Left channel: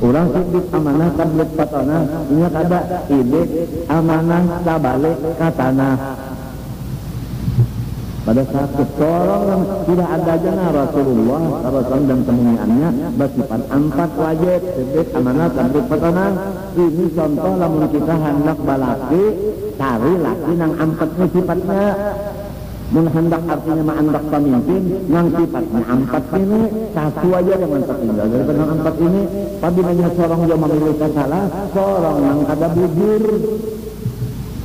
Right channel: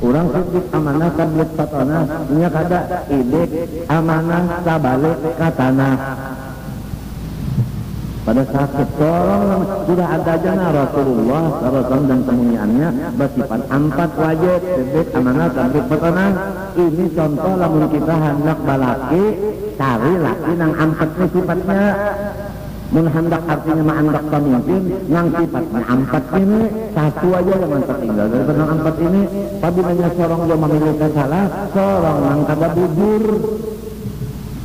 Urang sidik amanah tablik patana nya kada idik amanah tabalik ka tanah. Pada saat tolong sudah ada jana Rasulullah SAW dan temuannya bersifat 4 wajib sidik amanah tablik patana. Ini contoh lamun kita hendak balaki cari laki nang 4 sifatnya. Mun hendak artinya mah hendak pemimpin yang sifatnya 4 ini satu aja jangan tertinggal daripada yang 4 ini. Apabila seorang yang memiliki salah, seorang yang kada bujur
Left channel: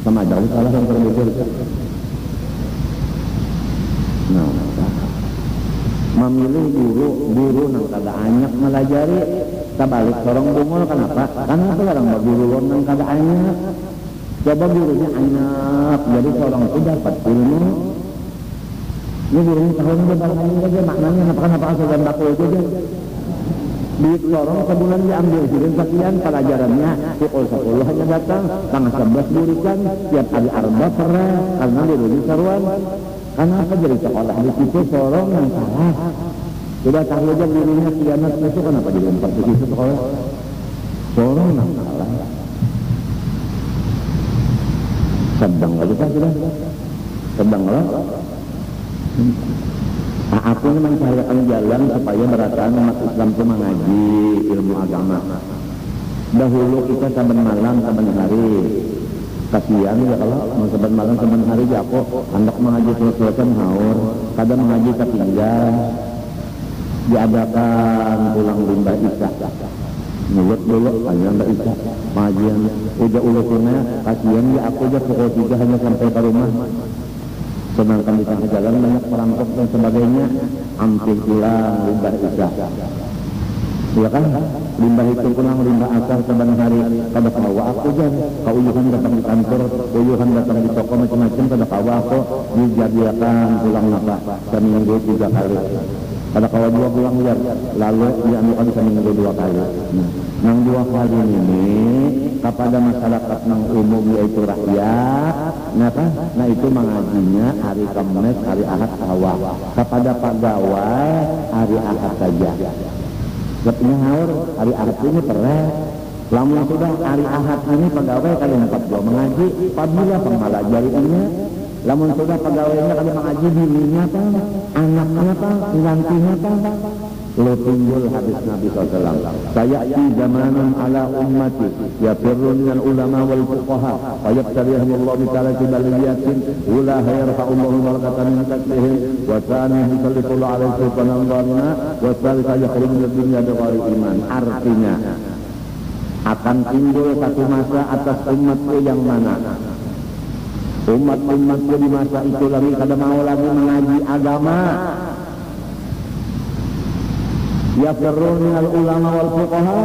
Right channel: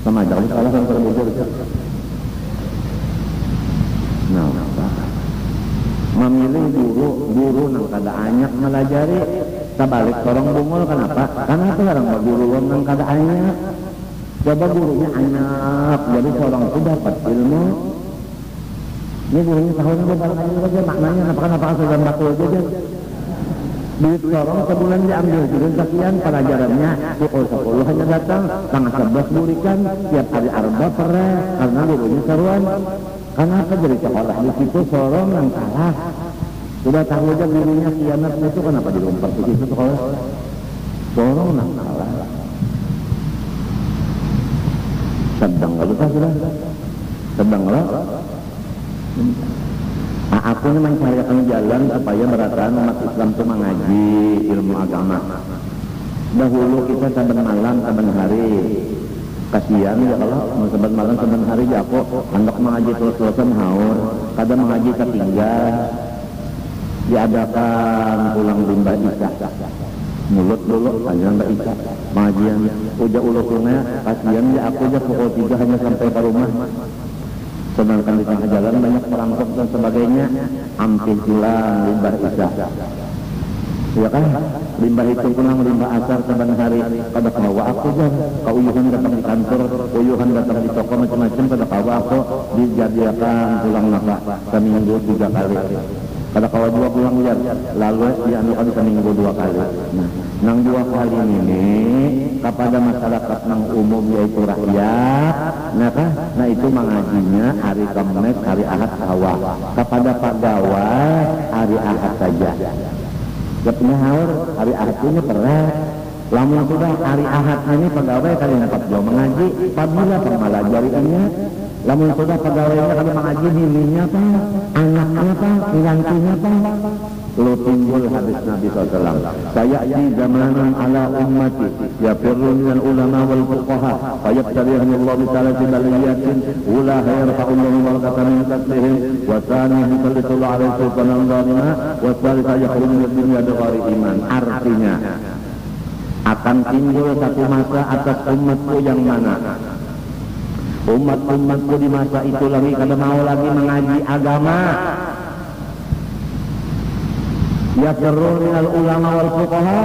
sama aja salah yang terbujur. Nah, memilih guru yang kada anyak melajari tabalik seorang bungul kenapa? Karena apa orang guru yang kada anyak? Coba gurunya anyak, jadi seorang itu dapat ilmu. Ini gurunya tahun ini barangkali saja maknanya kenapa saja bakul saja. Duit seorang sebulan diambil jadi sekian pelajarannya pukul 10 hanya datang tanggal 11 burikan tiap hari arba pernah karena gurunya seruan. Kenapa jadi sekolah di situ seorang yang salah? Sudah tahu aja gurunya kianat itu kenapa dilompat di situ sekolah? Seorang yang salah. Sedang kita sudah sedang lah. Aku ini mencarikan jalan supaya berataan umat Islam itu mengaji ilmu agama. Dahulu kita saban malam saban hari kasihan ya kalau saban malam saban hari ya aku hendak mengaji terus-terusan haur kadang mengaji ketinggal diadakan pulang limbah isya mulut dulu aja mbak isya pengajian udah ulusunnya kasihan ya aku aja pukul 3 hanya sampai ke rumah. Sedangkan di tengah jalan banyak perampok dan sebagainya, ampih pulang limbah isya. Ya kan? Limbah itu pulang limbah asar saban hari. Kada kawa aku jan, kauyuhan datang di kantor, uyuhan datang di toko macam-macam kada kawa aku dijadiakan pulang napa seminggu 3 kali. Kada kawa 2 pulang liar, lalu dianukan seminggu 2 kali. Nah, nang 2 kali ini kepada masyarakat nang umum yaitu rakyat, nah itu mengajinya hari Kamis, hari Ahad awal. Kepada pegawai hari Ahad saja. Sebetulnya haur hari Ahad ini pernah. Lamun sudah hari Ahad ini pegawai kalian dapat jauh mengaji. Apabila pemalajariannya, lamun sudah pegawainya kalian mengaji dirinya apa, anaknya apa, penggantinya apa. Lalu timbul hadis Nabi SAW. Saya di zamanan ala ummati yafirru minal ulama wal fuqaha fayabtarihumullahu ta'ala bibaliyatin ula yarfa'ullahu barakatan min taslihim wa thanihim sallallahu alaihi sultanan zalima wa salisa yakhruju min dunya dawari iman. Artinya akan timbul satu masa atas umatku yang mana umat-umatku di masa itu lagi kada mau lagi mengaji agama. Yafirru minal ulama wal fuqaha,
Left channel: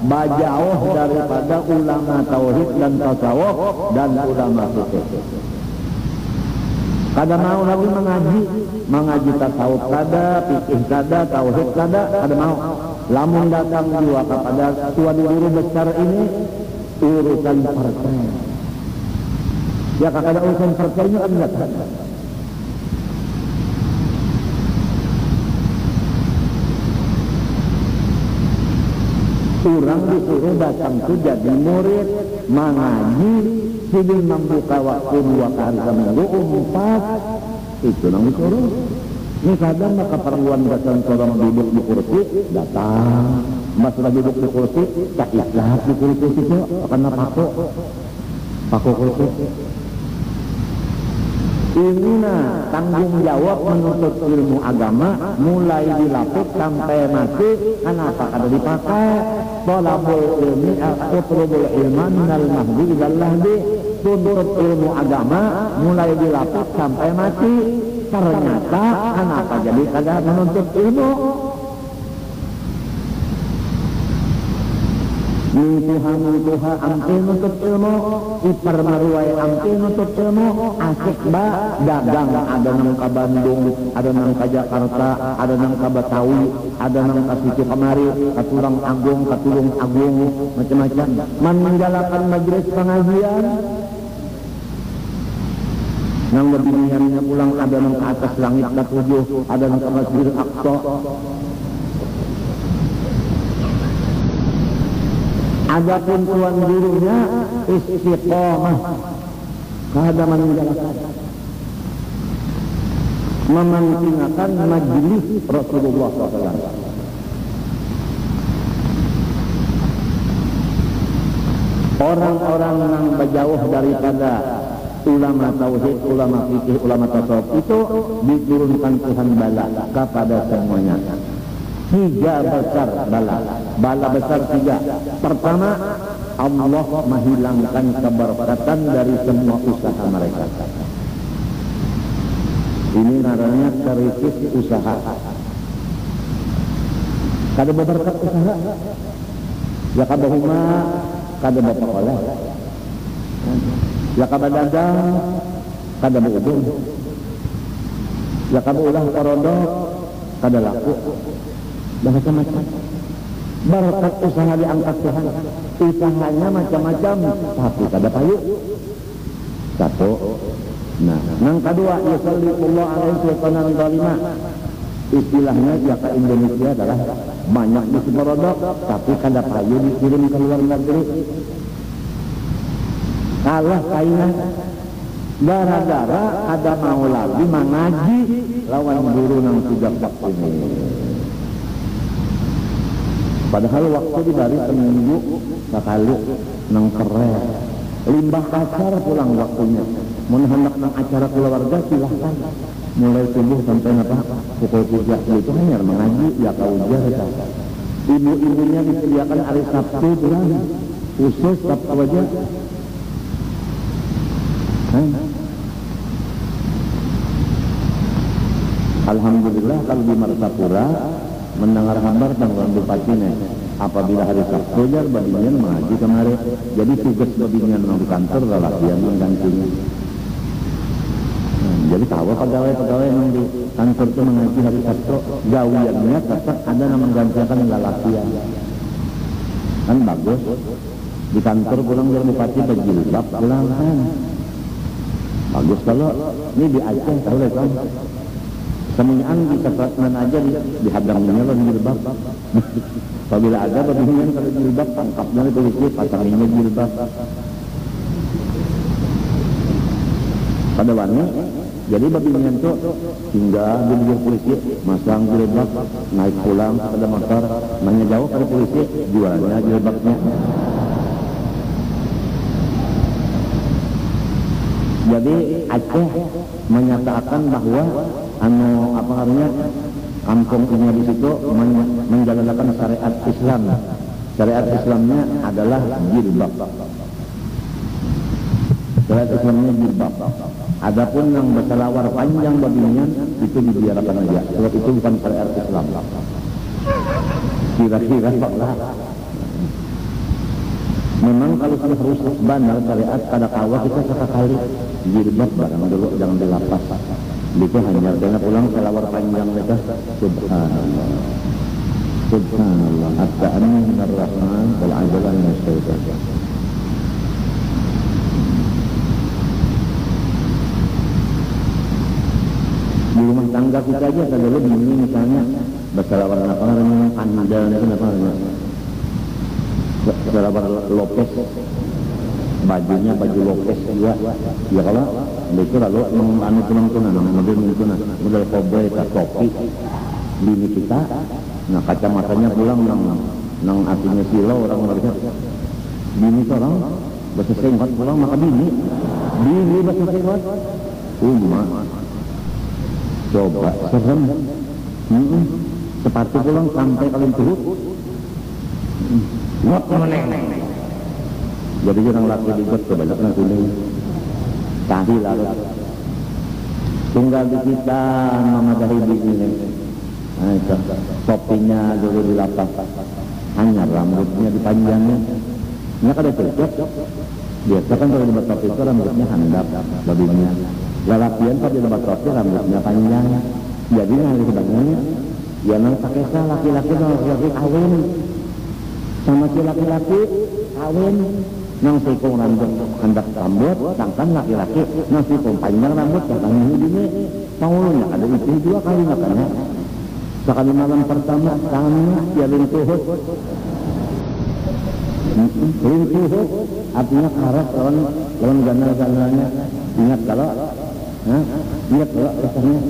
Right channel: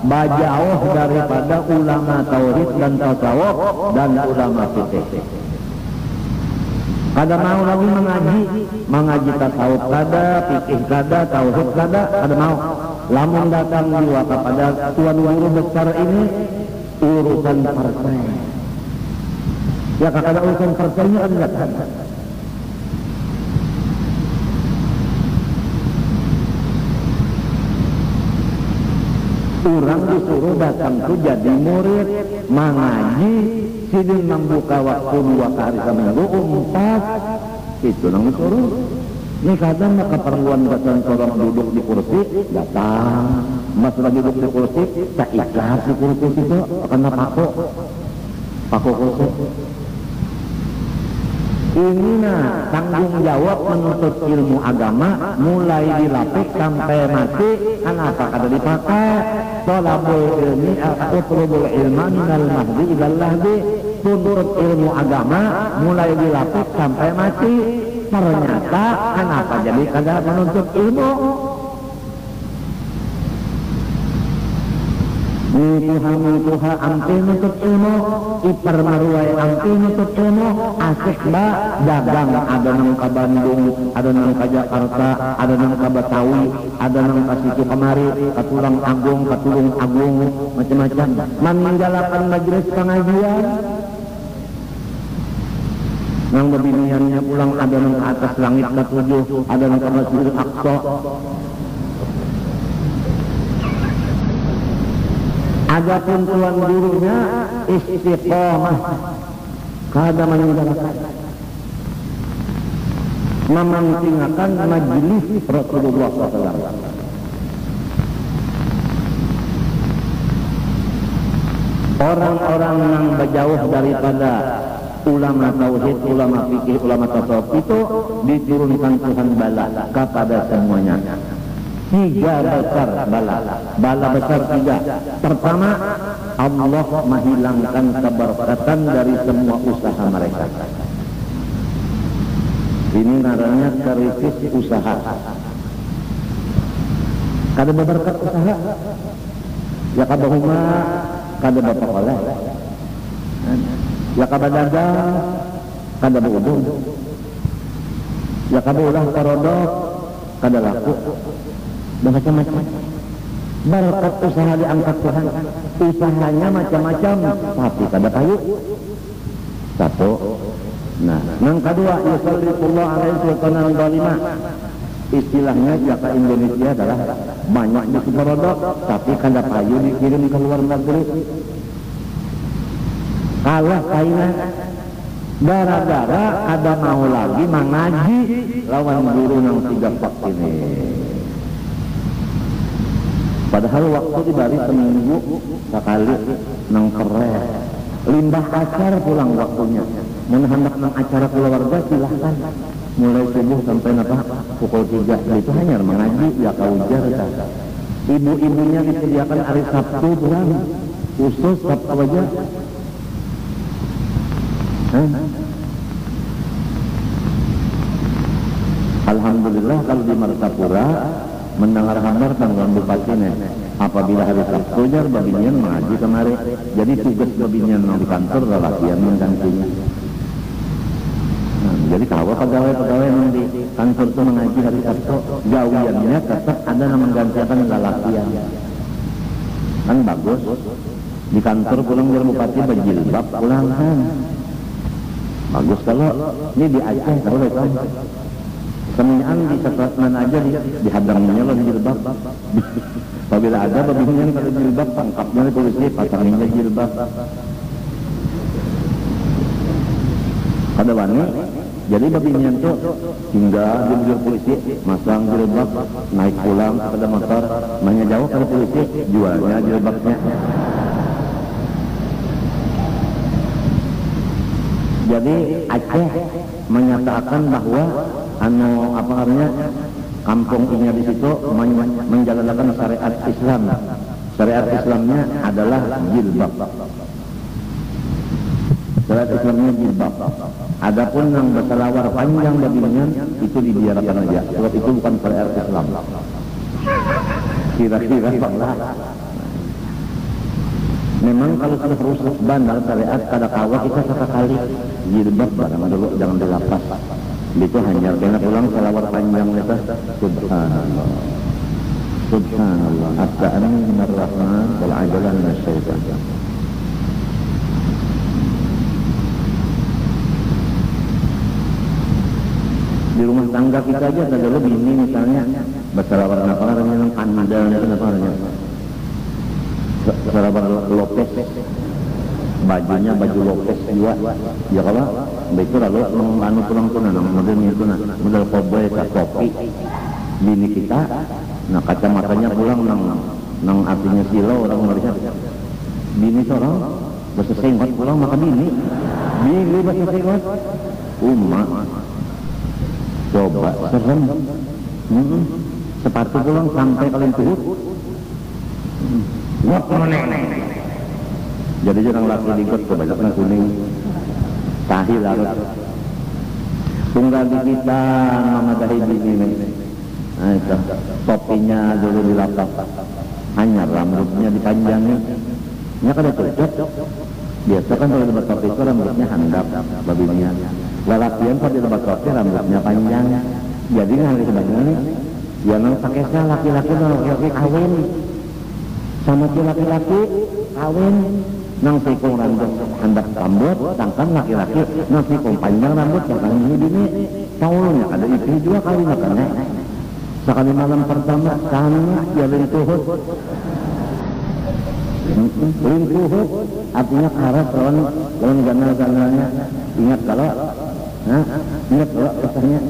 bajauh daripada ulama tauhid dan tasawuf dan ulama fikih. Kada mau lagi mengaji tasawuf kada, fikih kada, tauhid kada mau. Lamun datang dua kepada tuan guru besar ini urusan partai. Ya kada urusan partainya kan enggak ada. Orang disuruh datang tu jadi murid mengaji sidin membuka waktu 2 kali seminggu 4 itu nang disuruh. Ini kadang keperluan datang seorang duduk di kursi datang mas lagi duduk di kursi tak ikhlas di kursi itu kena paku kursi. Ini tanggung jawab menuntut ilmu agama mulai dilapik sampai mati. Kenapa kada dipakai? Tolabul ilmi utlubul ilma minal mahdi ilal lahdi. Tuntut ilmu agama mulai dilapik sampai mati. Ternyata kenapa jadi kada menuntut ilmu? Mituha ampil nutut ilmu, ipar maruai ampil nutut ilmu, asik ba dagang ada nang ka Bandung, ada nang ka Jakarta, ada nang ka Betawi, ada nang ka situ kamari, ka Tulung Agung, macam-macam. Meninggalkan majelis pengajian. Nang bebiniannya pulang ada nang ke atas langit ke-7, ada nang ke Masjidil Aqsa. Adapun tuan gurunya istiqomah, kada meninggalkan, mementingkan majelis Rasulullah SAW. Orang-orang yang berjauh daripada ulama tauhid, ulama fikih, ulama tasawuf itu diturunkan Tuhan bala kepada semuanya. 3 besar bala. Bala besar 3. Pertama, Allah menghilangkan keberkatan dari semua usaha mereka. Ini namanya krisis usaha. Kada berberkat usaha, ya kabahuma kada bapak oleh, ya kabadagang kada beudung, ya kabaulah parodok kada laku, dan macam-macam. Berkat usaha diangkat Tuhan, usahanya macam-macam, tapi kada payu. Satu. Nah, yang kedua, yusallitullah alaihi sultanan zalimah. Istilahnya ya ke Indonesia adalah banyak di Sumerodok, tapi kada payu dikirim ke luar negeri. Kalah saingan gara-gara kada mau lagi mengaji lawan guru nang 3 pak ini. Padahal waktu dibari seminggu sekali nang keren. Limbah acar pulang waktunya. Mun hendak nang acara keluarga silahkan. Mulai subuh sampai pukul 3 itu hanya mengaji ya kaujar. Ibu-ibunya disediakan hari Sabtu pulang. Khusus Sabtu aja. Alhamdulillah kalau di Martapura mendengar kabar tanggal Bupatinya apabila hari Sabtu jar babinian mengaji kemari. Jadi tugas babinian di kantor lelakian menggantinya. Jadi kalau pegawai-pegawai yang di kantor itu mengaji hari Sabtu, gawiannya tetap ada yang menggantikan lelakian. Kan bagus. Di kantor pulang dari bupati berjilbab pulang kan. Bagus kalau ini di Aceh tahu deh kan. Semuanya di Sepratman aja dihadangnya loh jilbab. Apabila ada babinian kalau jilbab tangkapnya polisi pasanginnya jilbab. Kada wani, jadi babinian tuh singgah di mobil polisi, masang jilbab, naik pulang kepada motor, nanya jauh pada polisi, jualnya jilbabnya. Jadi Aceh menyatakan bahwa apa namanya kampung ini di situ menjalankan syariat Islam. Syariat Islamnya adalah jilbab. Syariat Islamnya jilbab. Adapun yang berselawar panjang babinian itu dibiarkan aja. Sebab itu bukan syariat Islam. Kira-kira Allah. Memang kalau sudah rusak bandar syariat kada kawa kita sekali jilbab barang dulu jangan dilapas. Itu hanya kena pulang selawar panjang itu. Subhanallah. Subhanallah. At-ta'amin minar rahman wal ajalan minasyaitan. Di rumah tangga kita aja ada dulu bini misalnya berselawar apa namanya pandal itu apa namanya? Selawar Lopez. Bajunya baju Lopez juga. Ya kalau itu lalu anu tunang-tunang model itu model cowboy topi bini kita. Nah kacamatanya pulang nang artinya silau orang melihat bini seorang bahasa sengkot pulang maka bini bahasa sengkot coba serem. Sepatu pulang sampai kalian tuhut wak meneng. Jadi jangan laki digot kebanyakan kuning tahi larut tunggal di kita mama dahi bini. Nah itu topinya dulu dilapak hanya rambutnya dipanjangin nya kada cocok. Biasa kan kalau debat topi itu rambutnya handap babinya. Lelakian kalau di debat topi rambutnya panjang. Jadi ngalih sebenarnya ya nang pakai laki-laki kawin sama si laki-laki kawin nang sikung rambut handap rambut sedangkan laki-laki nang sikung panjang rambut sedangkan ini taulunya ada itu 2 kali makanya sekali malam pertama sama jalin tuhut Rintuhut artinya karas lawan ganal-ganalnya. Ingat kalau kisahnya.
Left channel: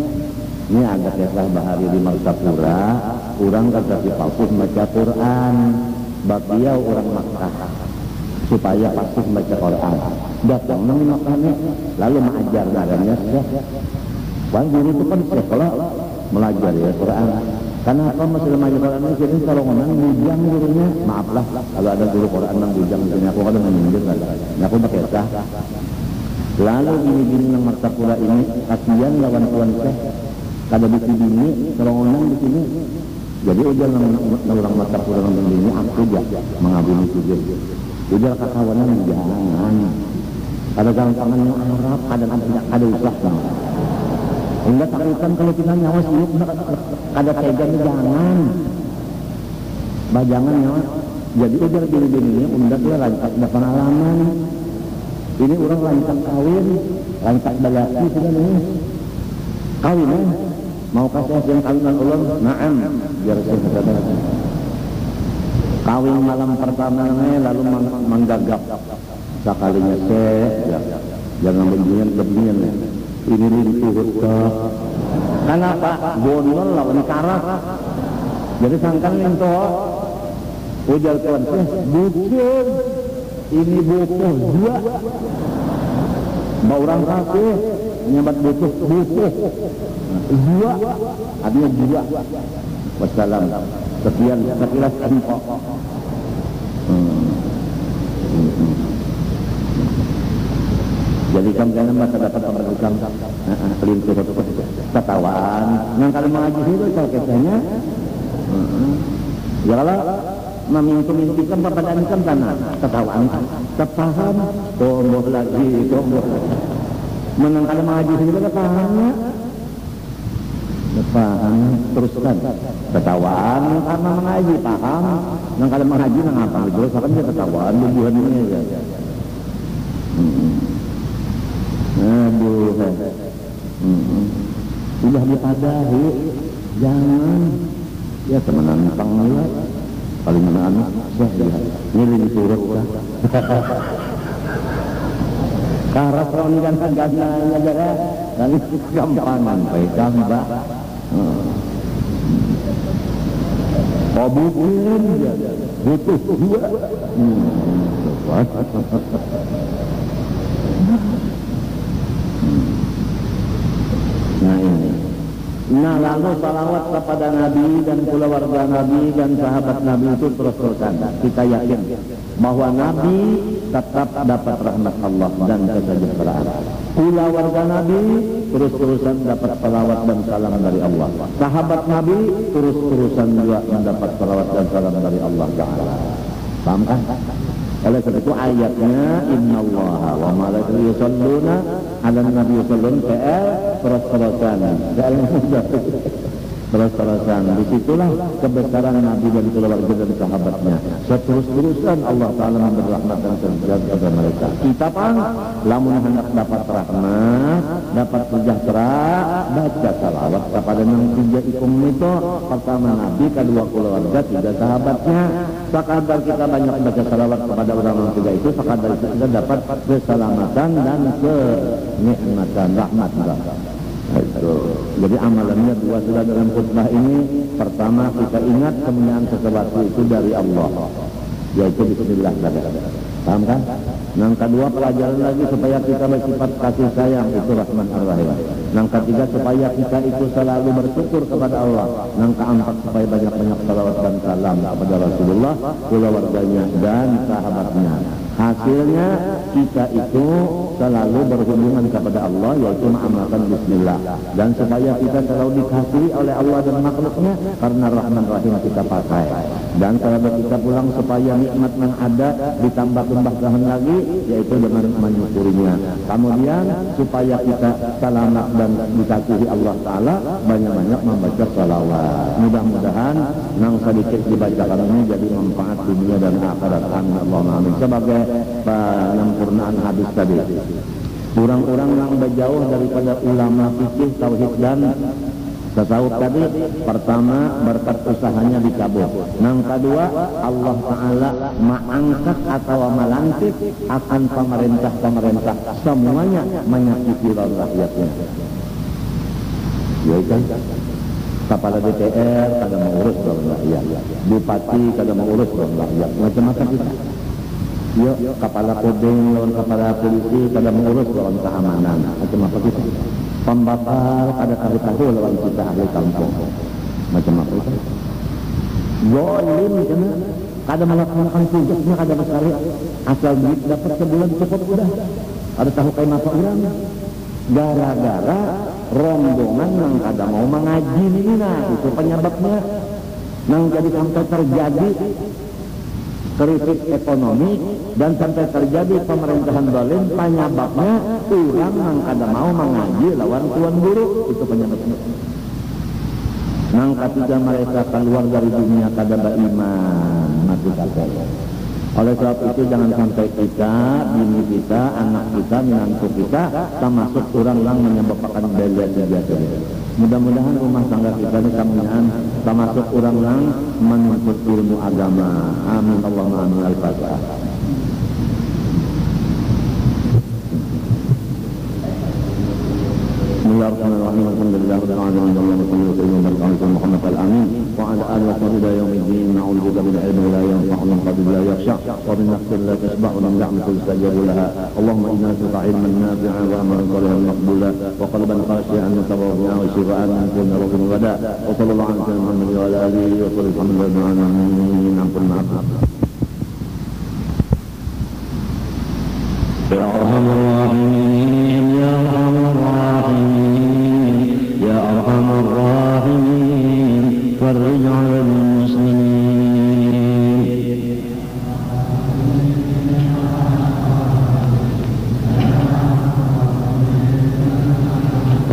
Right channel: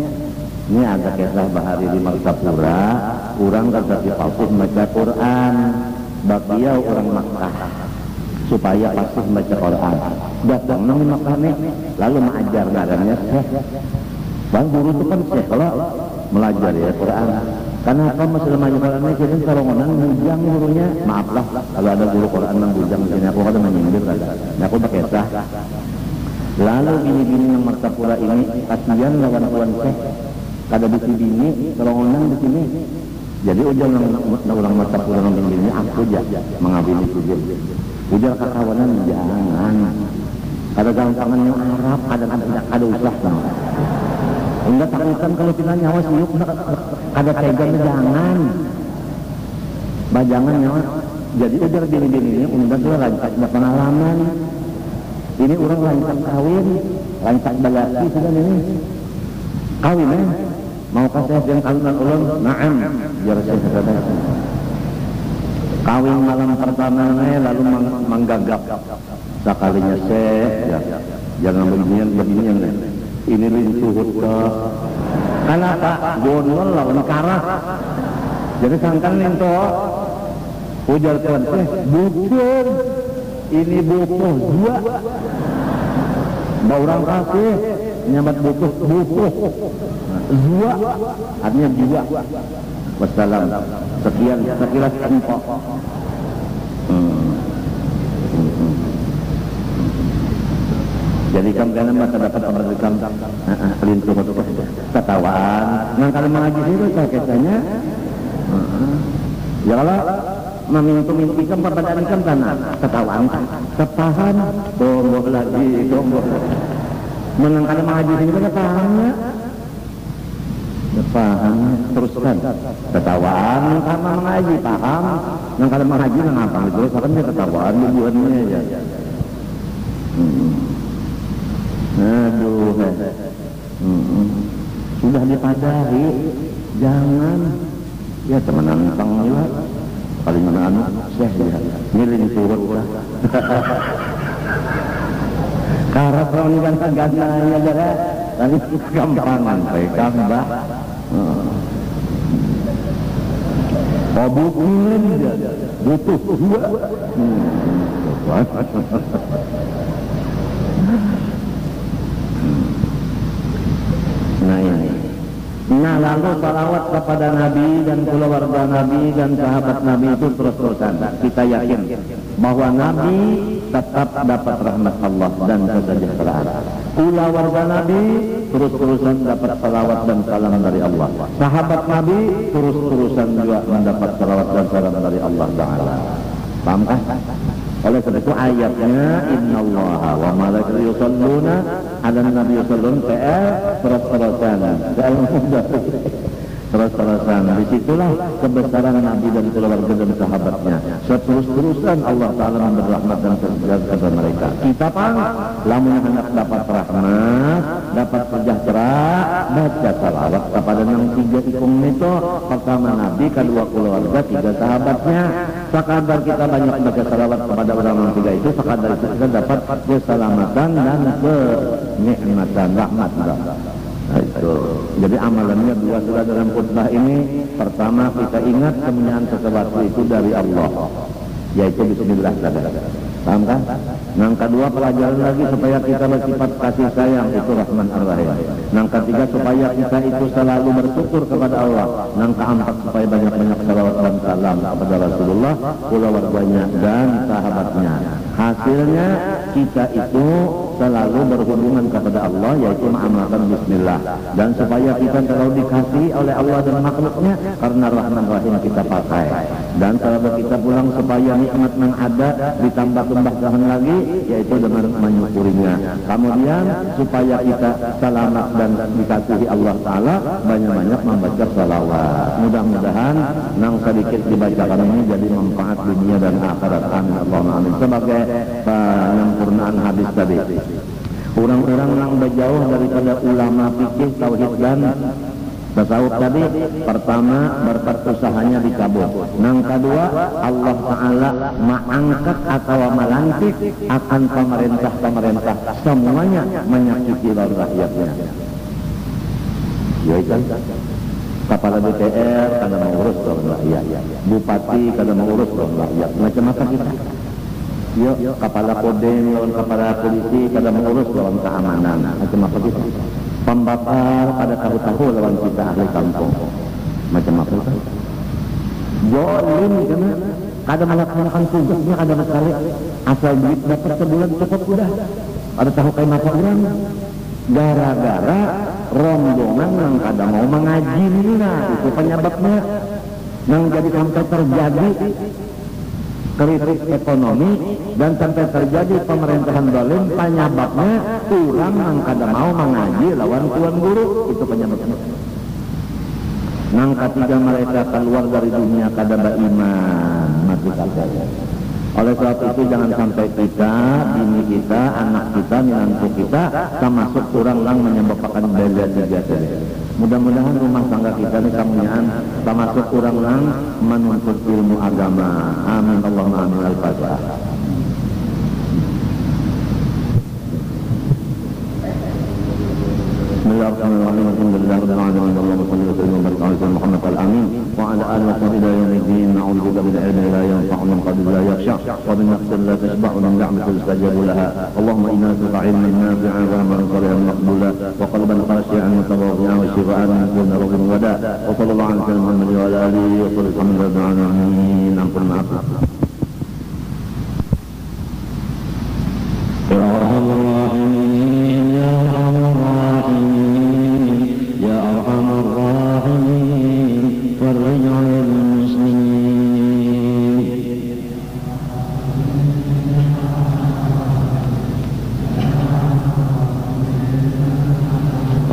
Ini ada kisah Bahari di Martapura, orang kata si Faustus baca Quran, bagiau orang Makkah supaya pasti baca Quran. Datang nang Makkah nih, lalu mengajar ngarannya Syekh. Bang guru itu kan Syekh kalau belajar ya Quran. Kenapa masalah baca Quran ini sering sarongonan bujang gurunya? Maaflah kalau ada guru Quran yang bujang di sini aku kadang menyindir ada. Aku pakai sah. Lalu bini-bini yang Martapura ini kasihan lawan tuan Syekh. Kada bisi bini sarongonan di sini. Jadi ujar orang Martapura nang bini aku aja mengabini sujud. Ujar kakawanan jangan. Kada gampangan yang Arab, ada usah sama. Enggak takutan kalau kita nyawa siuk, kada tega jangan. Bajangan nyawa. Jadi ujar bini-bini ini undak lah rancak pengalaman. Ini orang rancak kawin, rancak balaki sudah ini. Kawin mau kasih yang kawinan ulang, naam. Biar saya kata. Kawin malam pertama lalu menggagap. Sekalinya ya, jangan beginian. Ini rintuhut kenapa? Gondol lawan karas. Jadi sangkan lintuh. Ujar tuan Syekh, bukan. Ini butuh dua. Mbak orang kasih nyabat butuh. Dua. Artinya dua. Wassalam. Sekian sekilas info. Jadi kamu kena masa dapat pemberikan lintuh ketawaan. Nang kalau mengaji itu kisahnya. Ya kalau memintu-mintikan perpadaan ikan tanah ketawaan kepahan tomboh lagi. Menang kalau mengaji itu ketahannya. Paham teruskan ketawaan karena mengaji paham. Nang kalau mengaji nang apa terus akan dia ketawaan bubuhannya aja. Aduh, sudah dipadahi, jangan ya temenan panggila kali mana anu Syekh ya milih turut lah. Karat ron ganteng-gantengnya jare kali gampangan bae gambah. Bukan butuh dua. Nah ini. Nah lalu salawat kepada Nabi dan keluarga Nabi dan sahabat Nabi itu terus-terusan. Kita yakin bahwa Nabi tetap dapat rahmat Allah dan kesejahteraan. Keluarga Nabi terus-terusan dapat salawat dan salam dari Allah. Sahabat Nabi terus-terusan juga mendapat salawat dan salam dari Allah Taala. Paham kan? Oleh sebab itu ayatnya innallaha wa malaikatahu yusholluna 'alan nabi yushollun terus-terusan. Terus-terusan. Disitulah kebesaran Nabi dan keluarga dan sahabatnya. Terus-terusan Allah Ta'ala memberi rahmat dan sejahtera kepada mereka. Kita pang lamun hendak dapat rahmat, dapat sejahtera, baca salawat kepada yang tiga ikum itu. Pertama Nabi, kedua keluarga, tiga sahabatnya. Sekadar kita banyak baca salawat kepada orang yang tiga itu, sekadar itu kita dapat keselamatan dan kenikmatan rahmat. Itu. Jadi amalannya dua sudah dalam khutbah ini. Pertama kita ingat kemuliaan sesuatu itu dari Allah, yaitu Bismillah. Paham kan? Yang kedua pelajaran lagi supaya kita bersifat kasih sayang, itu Rahman Ar-Rahim. Yang ketiga supaya kita itu selalu bersyukur kepada Allah. Yang keempat supaya banyak-banyak salawat dan salam kepada Rasulullah, keluarganya dan sahabatnya. Hasilnya kita itu selalu berhubungan kepada Allah, yaitu mengamalkan Bismillah. Dan supaya kita selalu dikasihi oleh Allah dan makhluknya karena Rahman Rahim kita pakai. Dan sahabat kita pulang supaya nikmat yang ada ditambah-tambahkan lagi, yaitu dengan menyukurinya. Kemudian supaya kita selamat dan dikasihi Allah Ta'ala, banyak-banyak membaca salawat. Mudah-mudahan yang sedikit dibacakan ini jadi manfaat dunia dan akhirat. Amin Allahumma amin. Sebagai penyempurnaan hadis tadi, orang-orang yang berjauh daripada ulama fikih, tauhid dan Tasawuf tadi pertama berkat usahanya dicabut. Yang kedua Allah Ta'ala mengangkat atau melantik akan pemerintah-pemerintah semuanya menyakiti rakyatnya. Ya kan? Kepala DPR kada mengurus rakyat, bupati kada mengurus rakyat, macam apa kita? Yuk, kepala Kodim lawan kepala polisi kada mengurus lawan keamanan, macam apa kita? Pembakar kada tahu-tahu lawan kita ahli kampung, macam apa kita? Zalim karena kada melaksanakan tugasnya kada sekali, asal duit dapat sebulan cukup udah, ada tahu kayak apa orang? Gara-gara rombongan yang kada mau mengaji ini, nah itu penyebabnya yang jadi sampai terjadi krisis ekonomi dan sampai terjadi pemerintahan zalim. Penyebabnya orang yang kada mau mengaji lawan tuan guru, itu penyebabnya. Yang ketiga mereka keluar dari dunia kada beriman, mati kafir. Oleh sebab itu jangan sampai kita, bini kita, anak kita, menantu kita termasuk orang yang menyebabkan bela tiga tadi. Mudah-mudahan rumah tangga kita ini kamunyaan termasuk orang yang menuntut ilmu agama. Amin Allahumma amin. Al-Fatihah. Bismillahirrahmanirrahim. Alhamdulillahirabbil alamin. Allahumma shalli wa sallim wa barik ala Muhammad al-amin wa ala alihi wa sahbihi ila yaumiddin. Na'udzubika min ilmin la yanfa'u min qalbin la yakhsha wa min nafsin la tashba'u min ni'matin tustajabu laha. Allahumma inna nas'aluka 'ilman nafi'an wa 'amalan salihan maqbula wa qalban khashi'an mutawaddi'an wa shifaa'an min kulli rawhin wa da'. Wa sallallahu ala sayyidina Muhammad wa ala alihi wa sahbihi rabbil alamin. Ampun maaf. Ya Arhamar Rahimin, ya Arhamar Rahimin, ya Arhamar Rahimin, farij 'alal muslimin.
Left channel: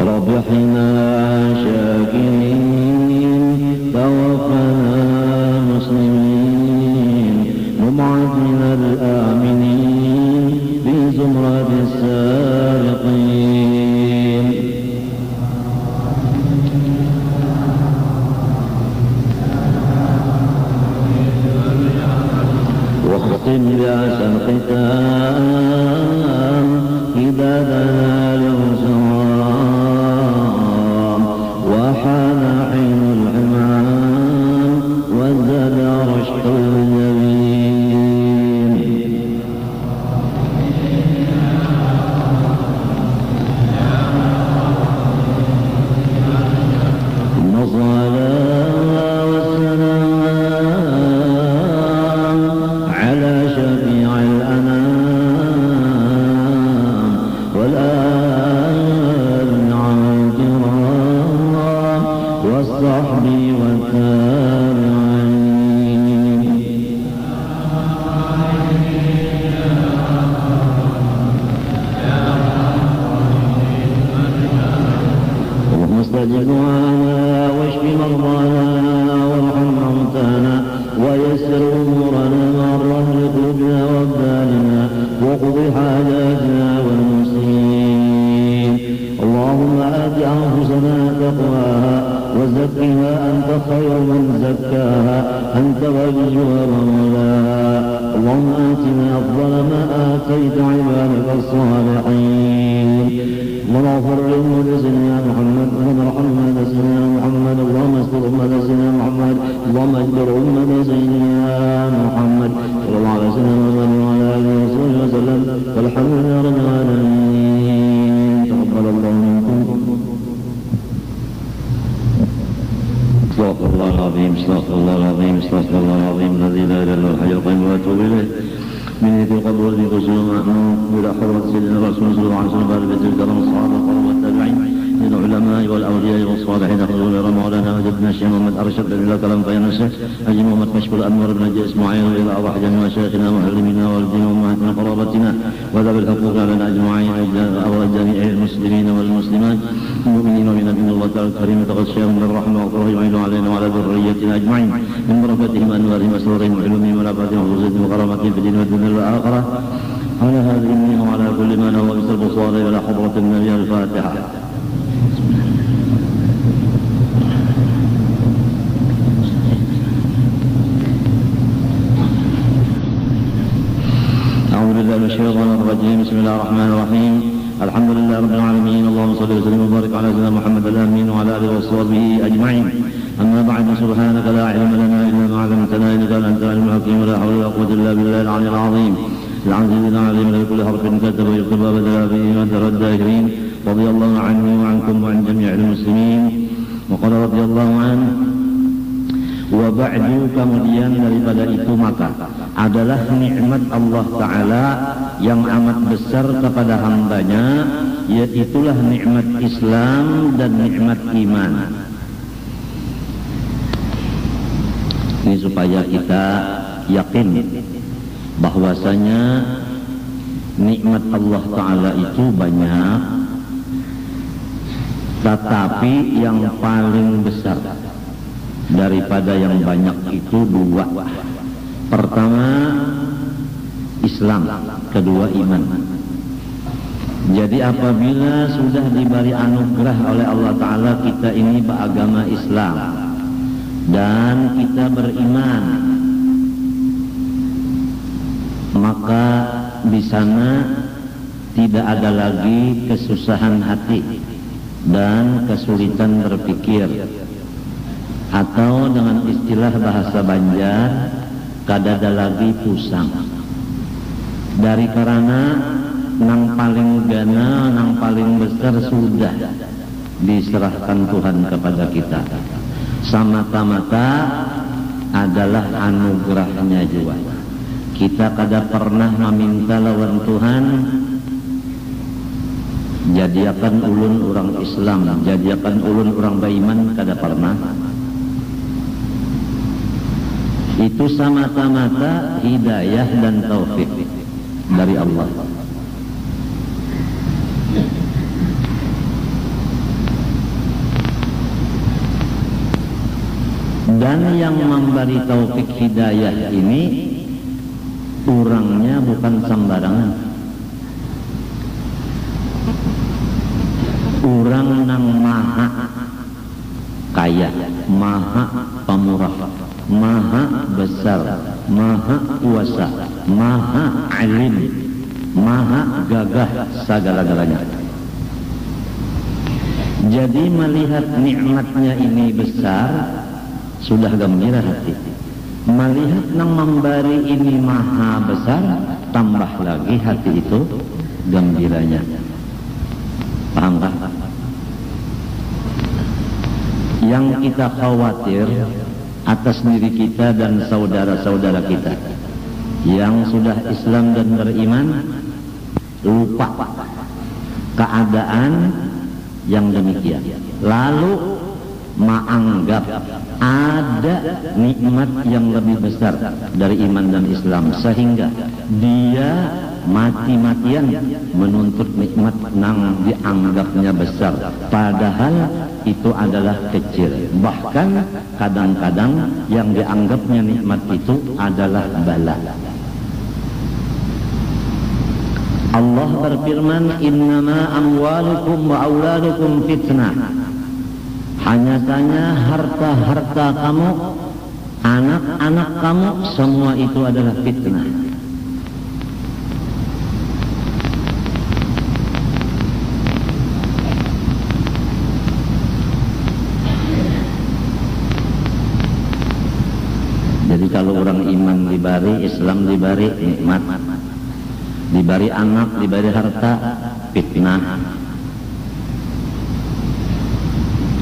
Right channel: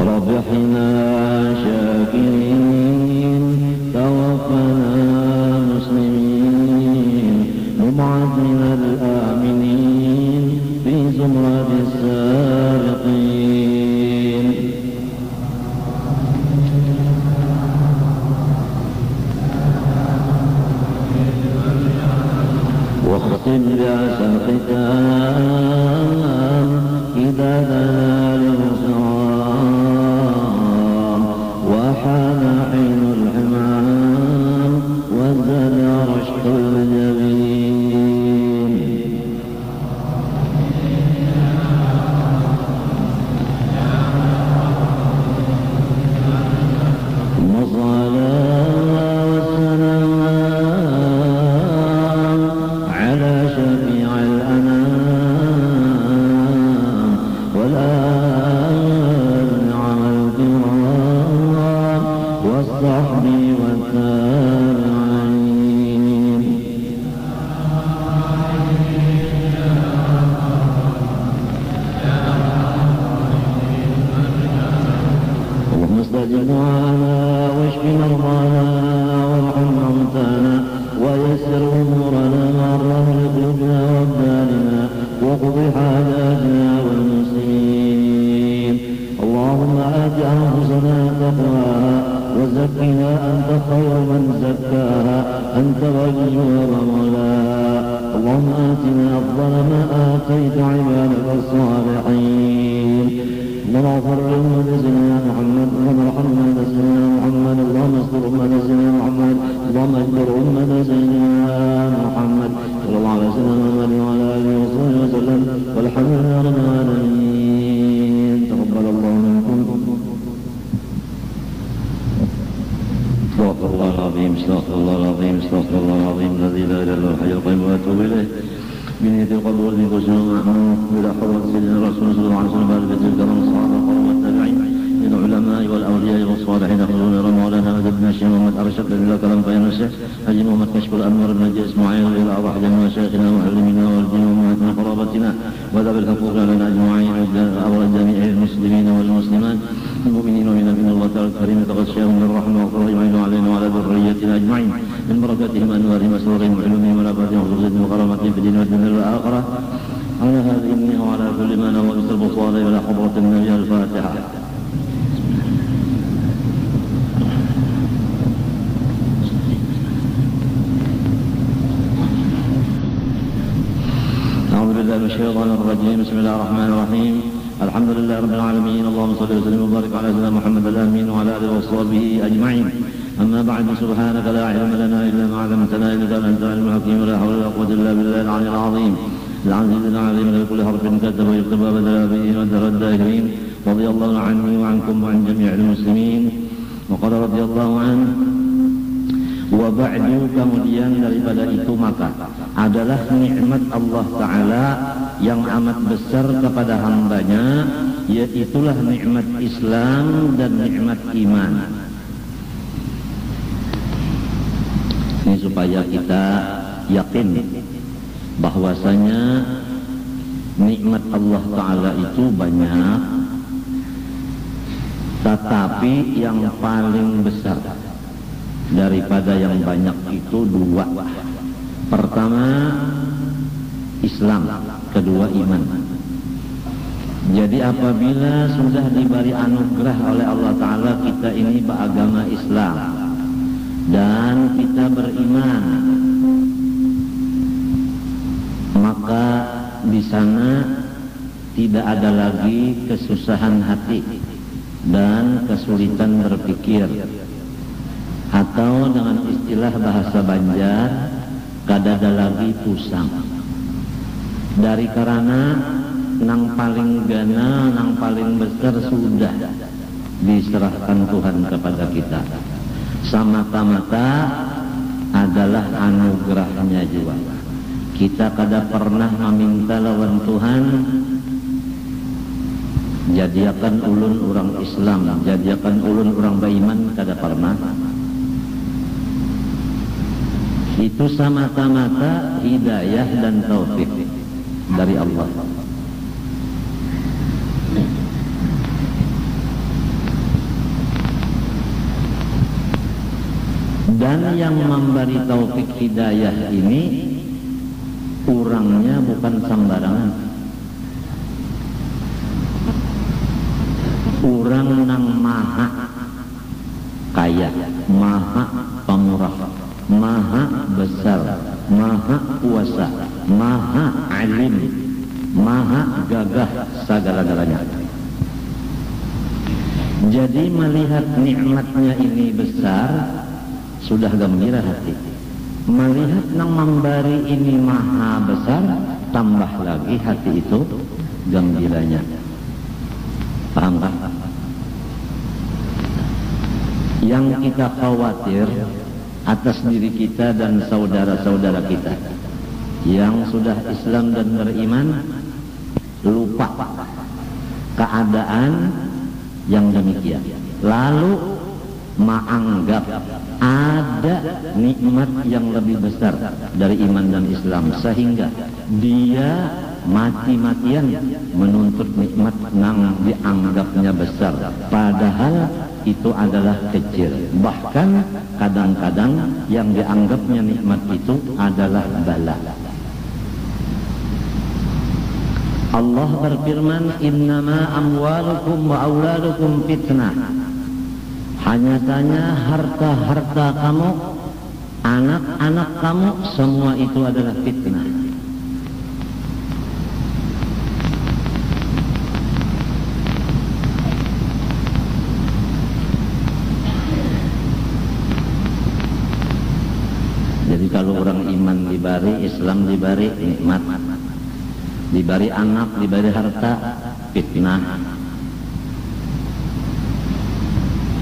Rabbihna syakirin, tawaffana muslimin, mub'athina al-aminin fi zumrati as-salihin. واختم بأحسن ختام عبادنا للوسام وحان عين الحمام وازداد رشح الجبين. ثم الصلاة والسلام على شفيع الأنام والآل على الكرام والصحب والتابعين. اللهم استجب دعانا واشف مرضانا وارحم موتانا ويسر امورنا وارحم قلوبنا وابداننا وقض حاجاتنا والمسلمين. اللهم آت أنفسنا تقواها وزكها أنت خير من زكاها أنت وليها ومولاها. اللهم آتنا أفضل ما آتيت عبادك الصالحين. اللهم اغفر لأمة سيدنا محمد، اللهم ارحم أمة سيدنا محمد، اللهم استر أمة سيدنا محمد، اللهم اجبر أمة سيدنا محمد صلى الله عليه وسلم وعلى آله وصحبه وسلم والحمد لله رب العالمين. تقبل الله منكم. استغفر الله العظيم، استغفر الله العظيم، استغفر الله العظيم الذي لا اله الا هو الحي القيوم واتوب اليه. من في قبر النفوس والمأمون الى حضرة سيدنا الرسول صلى الله عليه وسلم بعد ذكر الكرم الصحابة والتابعين من العلماء والاولياء والصالحين حضور مولانا وجدنا الشيخ محمد ارشد الى كلام طيب الشيخ حجي محمد كشف الانوار بن نجي اسماعيل الى ارواح جميع مشايخنا ومعلمنا والدين وامهاتنا وقرابتنا وذوي الحقوق علينا اجمعين وارواح جميع المسلمين والمسلمات المؤمنين من الله تعالى الكريم يتغشاهم من الرحمه والقرب يعين علينا وعلى ذريتنا اجمعين من بركاتهم انوارهم وسرورهم وعلومهم ونبرتهم وخصوصهم وكرامتهم في الدين والدنيا والاخره. على هذه النعمه وعلى كل ما نويت البصار الى حضره النبي. الفاتحه. بالله من الشيطان الرجيم. بسم الله الرحمن الرحيم. الحمد لله رب العالمين. اللهم صل وسلم وبارك على سيدنا محمد الامين وعلى اله وصحبه اجمعين. اما بعد، سبحانك لا علم لنا الا ما علمتنا انك انت العليم الحكيم. ولا حول ولا قوه الا بالله العلي العظيم العزيز العظيم الذي كل حرف كتب ويكتب بدل فيه وترى الداهرين. رضي الله عني وعنكم وعن جميع المسلمين. وقال رضي الله عنه. Wa ba'du, kemudian daripada itu maka adalah nikmat Allah Ta'ala yang amat besar kepada hambanya, yaitulah nikmat Islam dan nikmat iman. Ini supaya kita yakin bahwasanya nikmat Allah Ta'ala itu banyak, tetapi yang paling besar daripada yang banyak itu dua. Pertama Islam, kedua iman. Jadi apabila sudah diberi anugerah oleh Allah Ta'ala kita ini beragama Islam dan kita beriman, maka di sana tidak ada lagi kesusahan hati dan kesulitan berpikir, atau dengan istilah bahasa Banjar kadada lagi pusang. Dari karena nang paling gana, nang paling besar sudah diserahkan Tuhan kepada kita. Semata-mata adalah anugerahnya juga. Kita kada pernah meminta lawan Tuhan jadiakan ulun orang Islam, jadiakan ulun orang beriman, kada pernah. Itu semata-mata hidayah dan taufik dari Allah. Dan yang memberi taufik hidayah ini orangnya bukan sembarangan. Orang yang maha kaya, maha pemurah, maha besar, maha kuasa, maha alim, maha gagah segala-galanya. Jadi melihat nikmatnya ini besar, sudah gembira hati. Melihat nang memberi ini maha besar, tambah lagi hati itu gembiranya. Paham kan? Yang kita khawatir atas diri kita dan saudara-saudara kita yang sudah Islam dan beriman, lupa keadaan yang demikian, lalu menganggap ada nikmat yang lebih besar dari iman dan Islam, sehingga dia mati-matian menuntut nikmat yang dianggapnya besar, padahal itu adalah kecil. Bahkan kadang-kadang yang dianggapnya nikmat itu adalah bala. Allah berfirman, innama amwalukum wa auladukum fitnah. Hanya saja harta-harta kamu, anak-anak kamu, semua itu adalah fitnah. Jadi kalau orang iman diberi, Islam diberi nikmat, diberi anak, diberi harta, fitnah.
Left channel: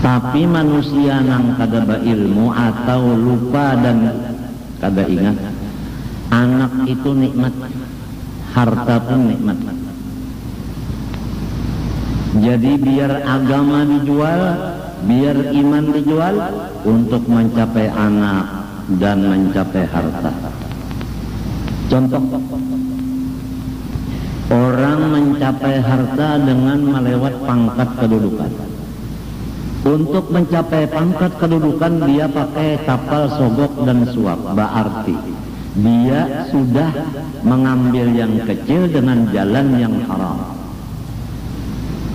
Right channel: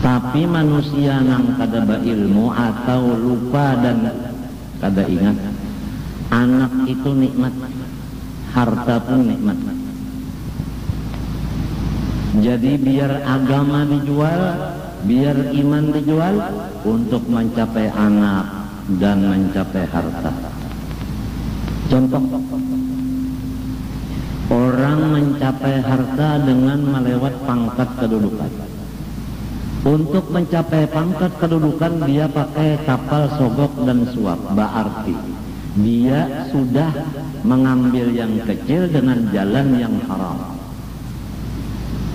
Tapi manusia yang kada berilmu atau lupa dan kada ingat, anak itu nikmat, harta pun nikmat. Jadi biar agama dijual, biar iman dijual untuk mencapai anak dan mencapai harta. Contoh, orang mencapai harta dengan melewat pangkat kedudukan. Untuk mencapai pangkat kedudukan dia pakai kapal sogok dan suap. Berarti dia sudah mengambil yang kecil dengan jalan yang haram,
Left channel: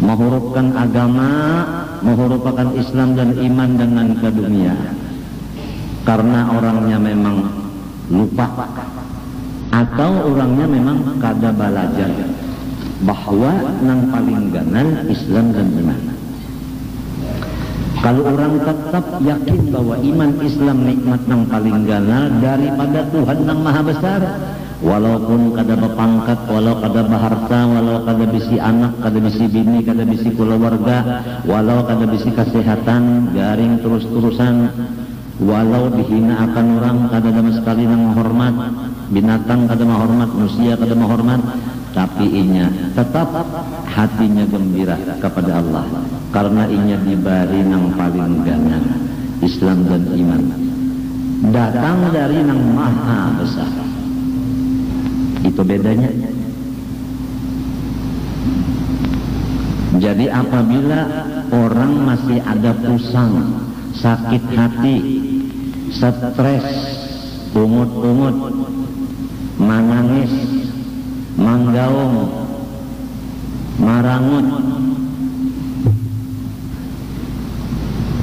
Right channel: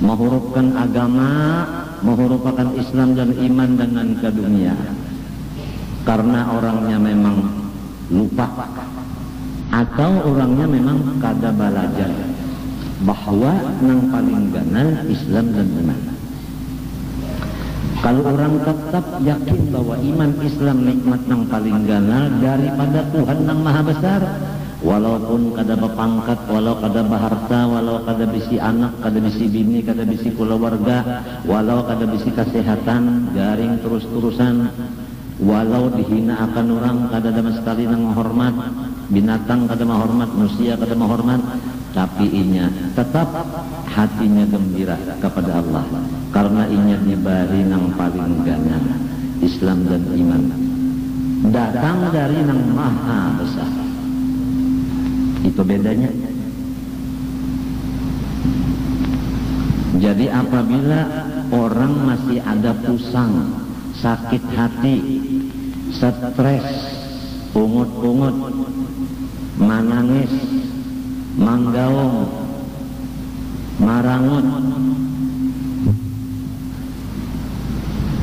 menghurufkan agama, menghurufkan Islam dan iman dengan ke dunia. Karena orangnya memang lupa atau orangnya memang kada balajar bahwa nang paling ganal Islam dan iman. Kalau orang tetap yakin bahwa iman Islam nikmat nang paling ganal daripada Tuhan nang maha besar, walaupun kada bepangkat, walau kada baharta, walau kada bisi anak, kada bisi bini, kada bisi keluarga, walau kada bisi kesehatan, jaring terus-terusan, walau dihina akan orang, kada ada sekali nang menghormat, binatang kada menghormat, manusia kada menghormat, tapi inya tetap hatinya gembira kepada Allah karena inya diberi nang paling ganal Islam dan iman, datang dari nang maha besar. Itu bedanya. Jadi apabila orang masih ada pusang, sakit hati, stres, ungut-ungut, manangis, manggaung, marangut,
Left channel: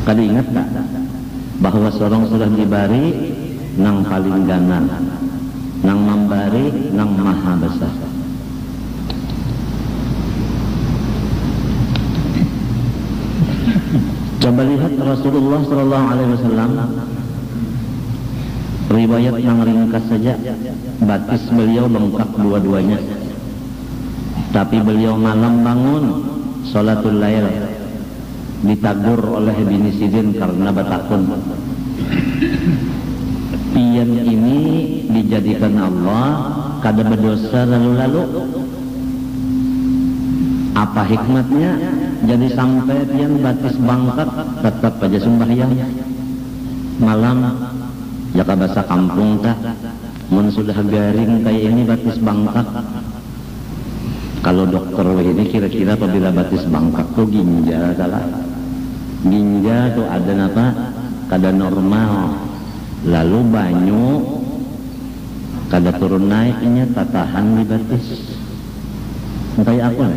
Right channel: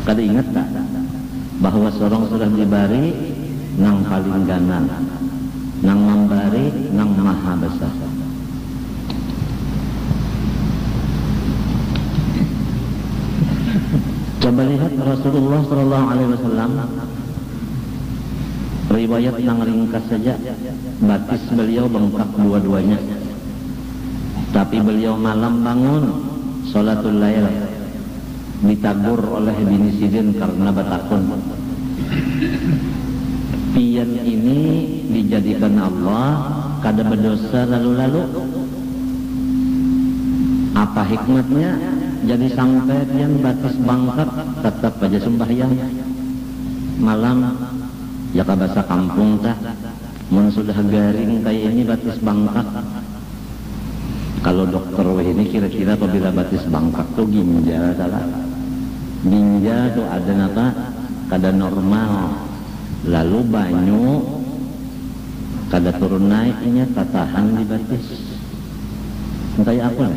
kada ingat tak bahwa seorang sudah diberi nang paling ganal, nang memberi nang maha besar. Coba lihat Rasulullah SAW, riwayat nang ringkas saja, batis beliau bengkak dua-duanya, tapi beliau malam bangun sholatul lail, ditagur oleh bini Sidin karena batakun. Pian ini dijadikan Allah kada berdosa lalu-lalu. Apa hikmatnya? Jadi sampai pian batis bangkat tetap aja sembahyang malam. Jaka bahasa kampung tak, mun sudah garing kayak ini batis bangkat. Kalau dokter ini kira-kira apabila batis bangkat tuh ginjal salah. Ginjal tuh ada apa? Kada normal. Lalu banyu kada turun naiknya tatahan di batis. Entah apa?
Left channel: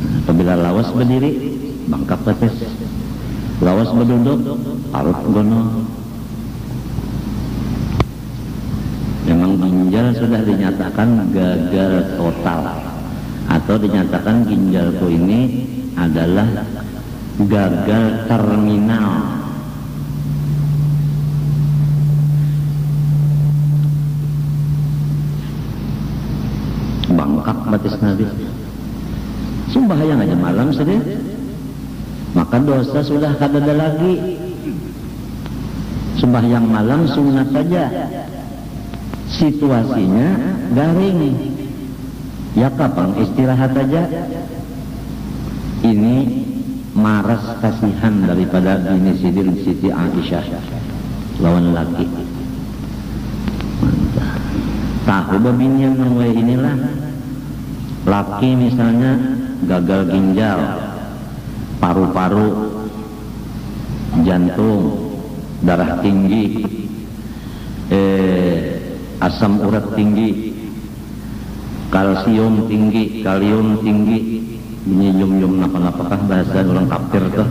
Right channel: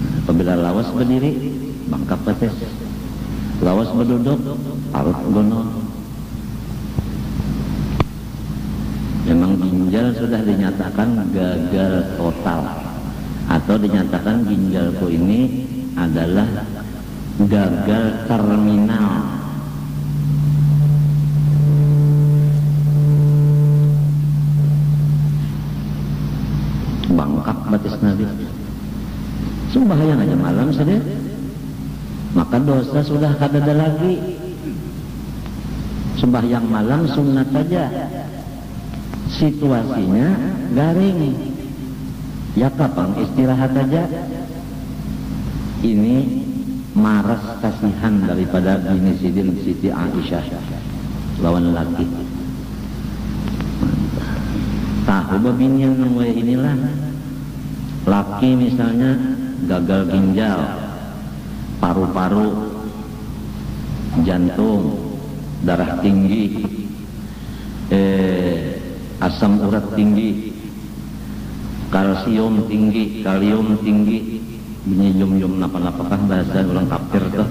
Apabila lawas berdiri bangkak batis. Lawas berduduk parut gono. Memang ginjal sudah dinyatakan gagal total, atau dinyatakan ginjalku ini adalah gagal terminal. Bangkak batis nadi. Sembahyang aja malam saja, maka dosa sudah kada ada lagi. Sembahyang malam sunat saja. Situasinya garing, ya kapan istirahat aja. Ini maras kasihan daripada bini Sidin Siti Aisyah lawan laki. Mantap. Tahu babinian nang inilah. Laki misalnya gagal ginjal, paru-paru, jantung, darah tinggi, asam urat tinggi, kalsium tinggi, kalium tinggi, ini yum-yum apa-apakah bahasa orang kafir tuh.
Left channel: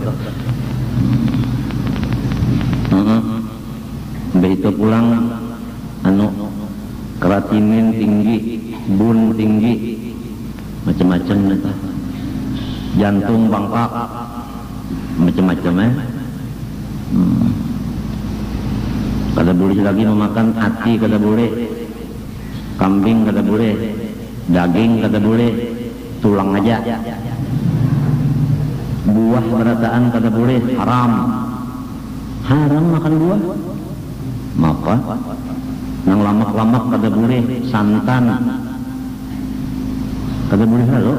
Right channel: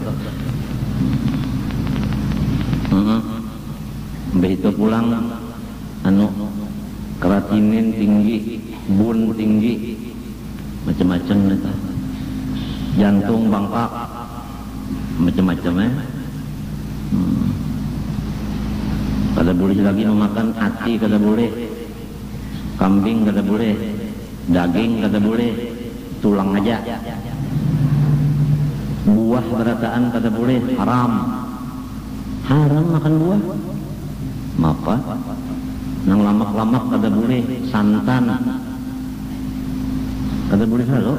Udah itu pulang, kreatinin tinggi, bun tinggi, macam-macam itu, jantung bangkak, macam-macam Kada boleh lagi memakan hati, kada boleh, kambing kada boleh, daging kada boleh, tulang aja, buah berataan kada boleh, haram makan buah. Maka nang lamak-lamak kada boleh, santan kada boleh lalu.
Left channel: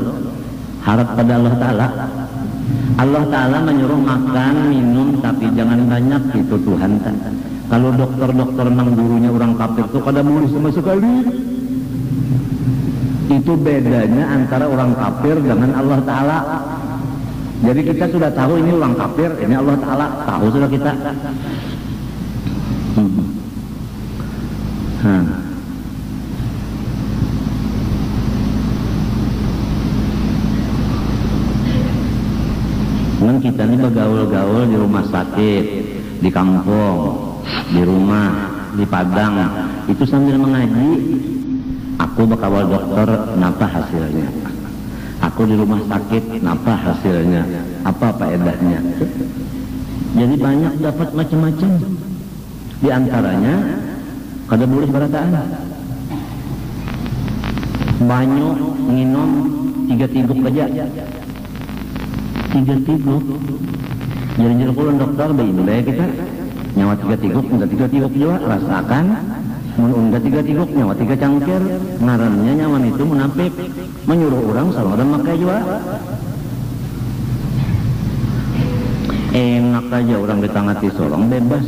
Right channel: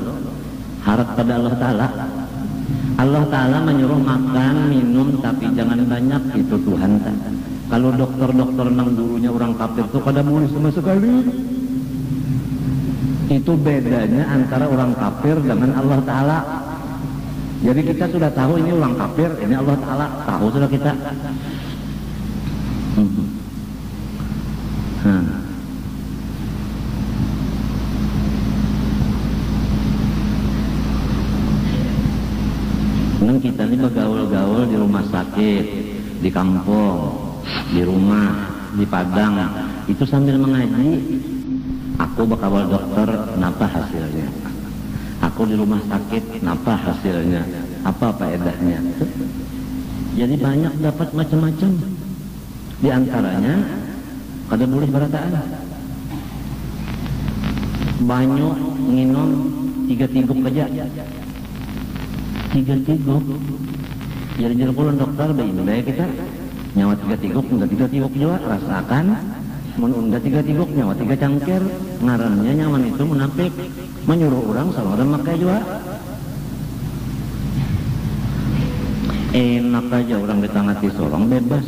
Harap pada Allah Ta'ala. Allah Ta'ala menyuruh makan, minum, tapi jangan banyak, itu Tuhan kan. Kalau dokter-dokter nang gurunya orang kafir itu kada boleh sama sekali. Itu bedanya antara orang kafir dengan Allah Ta'ala. Jadi kita sudah tahu ini orang kafir, ini Allah Ta'ala, tahu sudah kita. Kita ini bergaul-gaul di rumah sakit, di kampung, di rumah, di padang, itu sambil mengaji, Aku bakal dokter, napa hasilnya? Aku di rumah sakit, napa hasilnya? Apa faedahnya? Jadi banyak dapat macam-macam. Di antaranya kada boleh berataan. Banyu minum 3 tiguk aja. 3 tiguk. Jujur pulun dokter bagi kita nyawa 3 tiguk, enggak 3 tiguk juga rasakan. Mun enggak 3 tiguk nyawa 3 cangkir. Ngarannya nyawa itu munafik, menyuruh orang sama dan makai juga. Enak aja orang ditangati sorong bebas.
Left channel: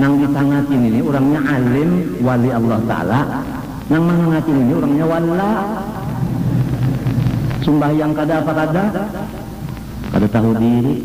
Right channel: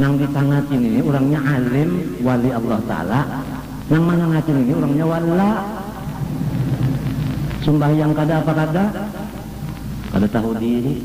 Nang ditangati ini orangnya alim wali Allah Ta'ala. Nang menangati ini orangnya wala. Sembahyang kada apa kada tahu diri.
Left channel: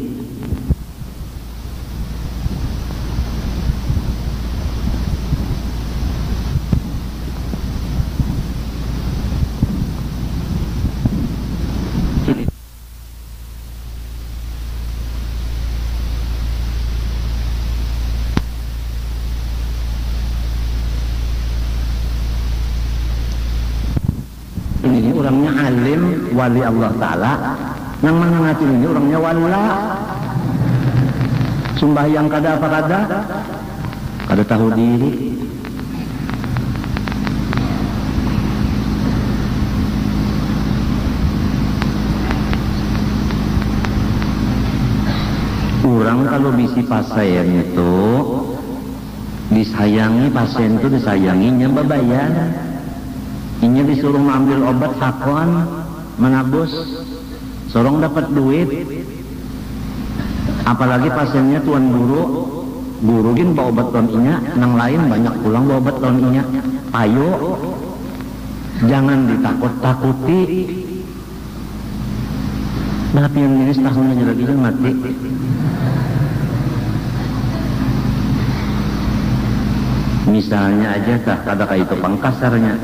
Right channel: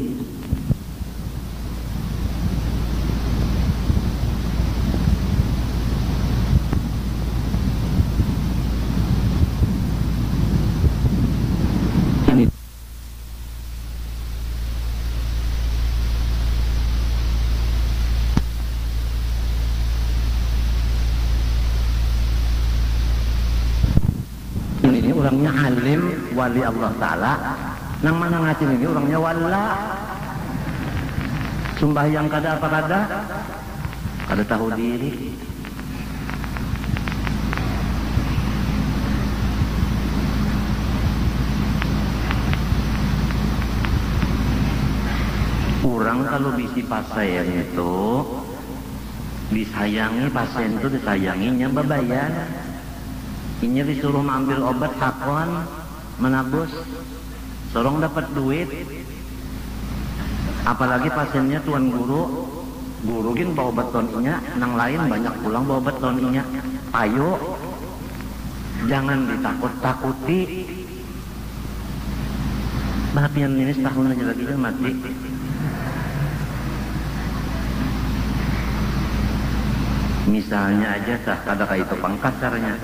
Ini orangnya alim wali Allah Ta'ala. Yang menyengatin ini orangnya wala. Sembahyang kada apa kada tahu diri. Orang kalau bisi pasien itu disayangi, pasien itu disayanginya bayar. Ini disuruh mengambil obat hakon, menabus, sorong dapat duit. Apalagi pasiennya tuan guru gin bawa obat tuan ini, yang lain banyak pulang bawa obat tuan ini. Ayo, jangan ditakut-takuti. Kenapa yang ini setelahnya juga itu mati? Misalnya aja ada kayak itu pangkasarnya.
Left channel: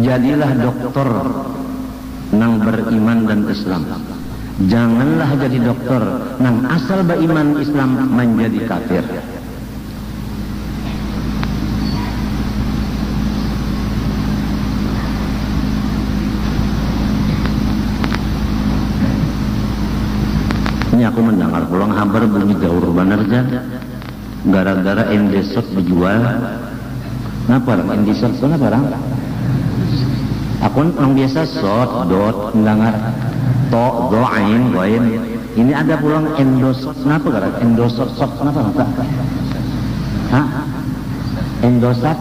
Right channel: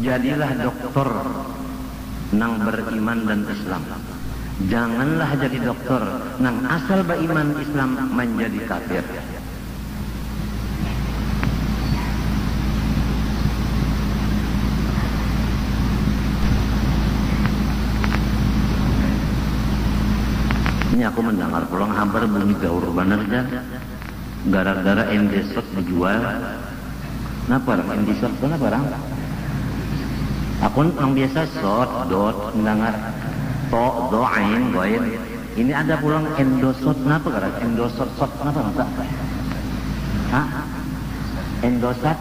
Jadilah dokter yang beriman dan Islam. Janganlah jadi dokter yang asal beriman Islam menjadi kafir. Ini aku mendengar pulang kabar bunyi gaur bener kan? Gara-gara Indeset dijual. Kenapa Indeset sana barang? Aku yang biasa dot mendengar to goain. Ini ada pulang endosot, kenapa gara endosot kenapa? Hah? Endosat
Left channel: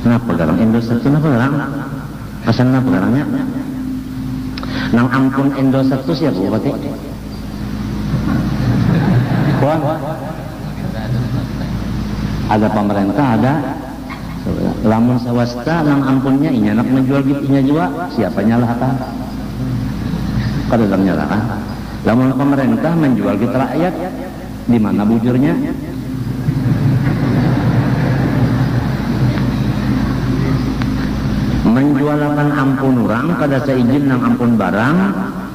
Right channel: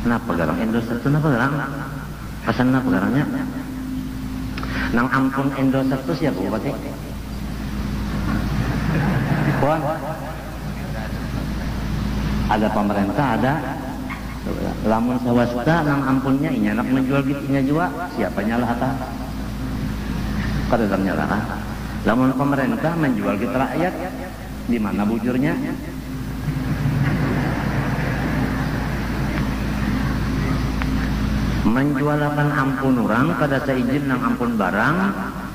kenapa gara endosat kenapa orang? Kesannya orangnya yang ampun endosat itu siapa berarti? Kok ada pemerintah ada lamun swasta yang ampunnya ini anak menjual gitunya juga siapa nyalah apa? Kada nyalah kan? Lamun pemerintah menjual gitu rakyat di mana bibirnya? Menjualakan ampun orang kada seizin yang ampun barang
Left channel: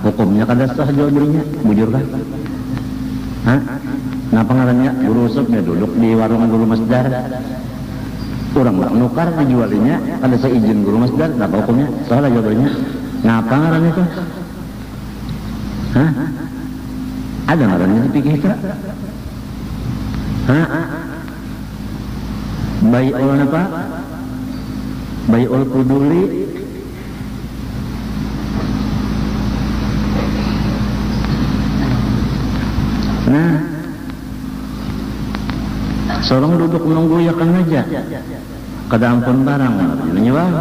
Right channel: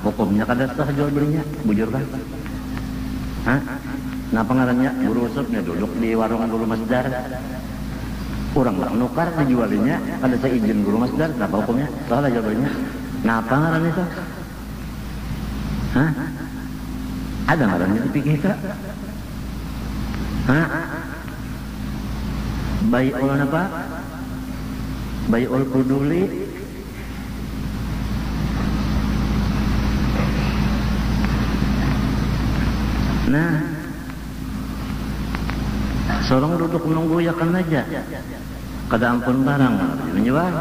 hukumnya kada sah jual belinya bujur kan? Hah? Ngapa ngarannya guru usupnya duduk di warung guru masjid? Orang nggak nukar menjualinya ada seizin guru masjid nggak tahu punya saya jadinya ngapa ngarannya tuh? Ada ngarannya di pikir kita? Bai'ul apa? Bai'ul kubuli. Seorang duduk menunggu yakin aja. Kada ampun barang menjual.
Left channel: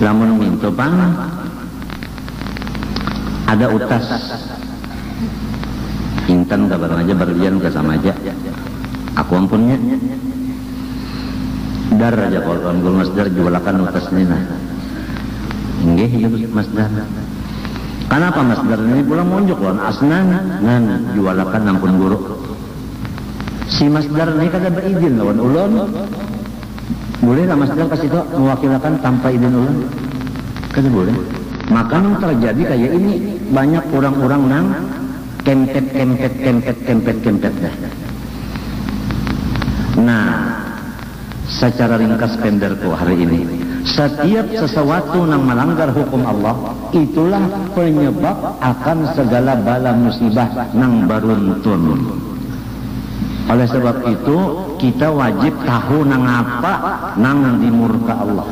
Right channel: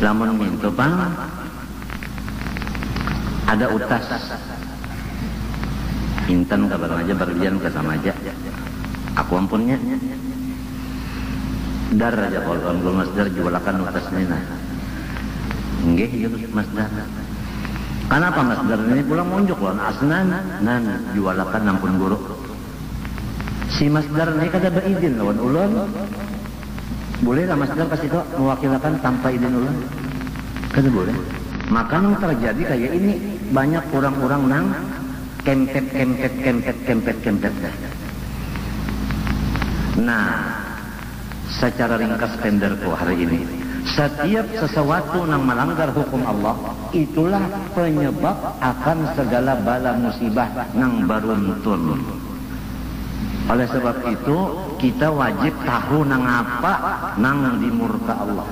Lamun minta bang ada utas intan kabar aja berlian ke sama aja. Aku ampunnya dar aja kalau orang masdar jualakan utas nina. Enggak hidup masdar. Kenapa masdar ini pulang munjuk lawan asnanya nani jualakan ampun guru. Si masdar ini kada berizin lawan ulan. Boleh lah masdar kasih tak mewakilkan tanpa izin ulan? Kada boleh. Makanya terjadi kayak ini, banyak orang-orang yang kempet. Nah, secara ringkas penderku hari ini, setiap sesuatu yang melanggar hukum Allah, itulah penyebab akan segala bala musibah yang beruntun. Oleh sebab itu, kita wajib tahu nang apa nang dimurka Allah,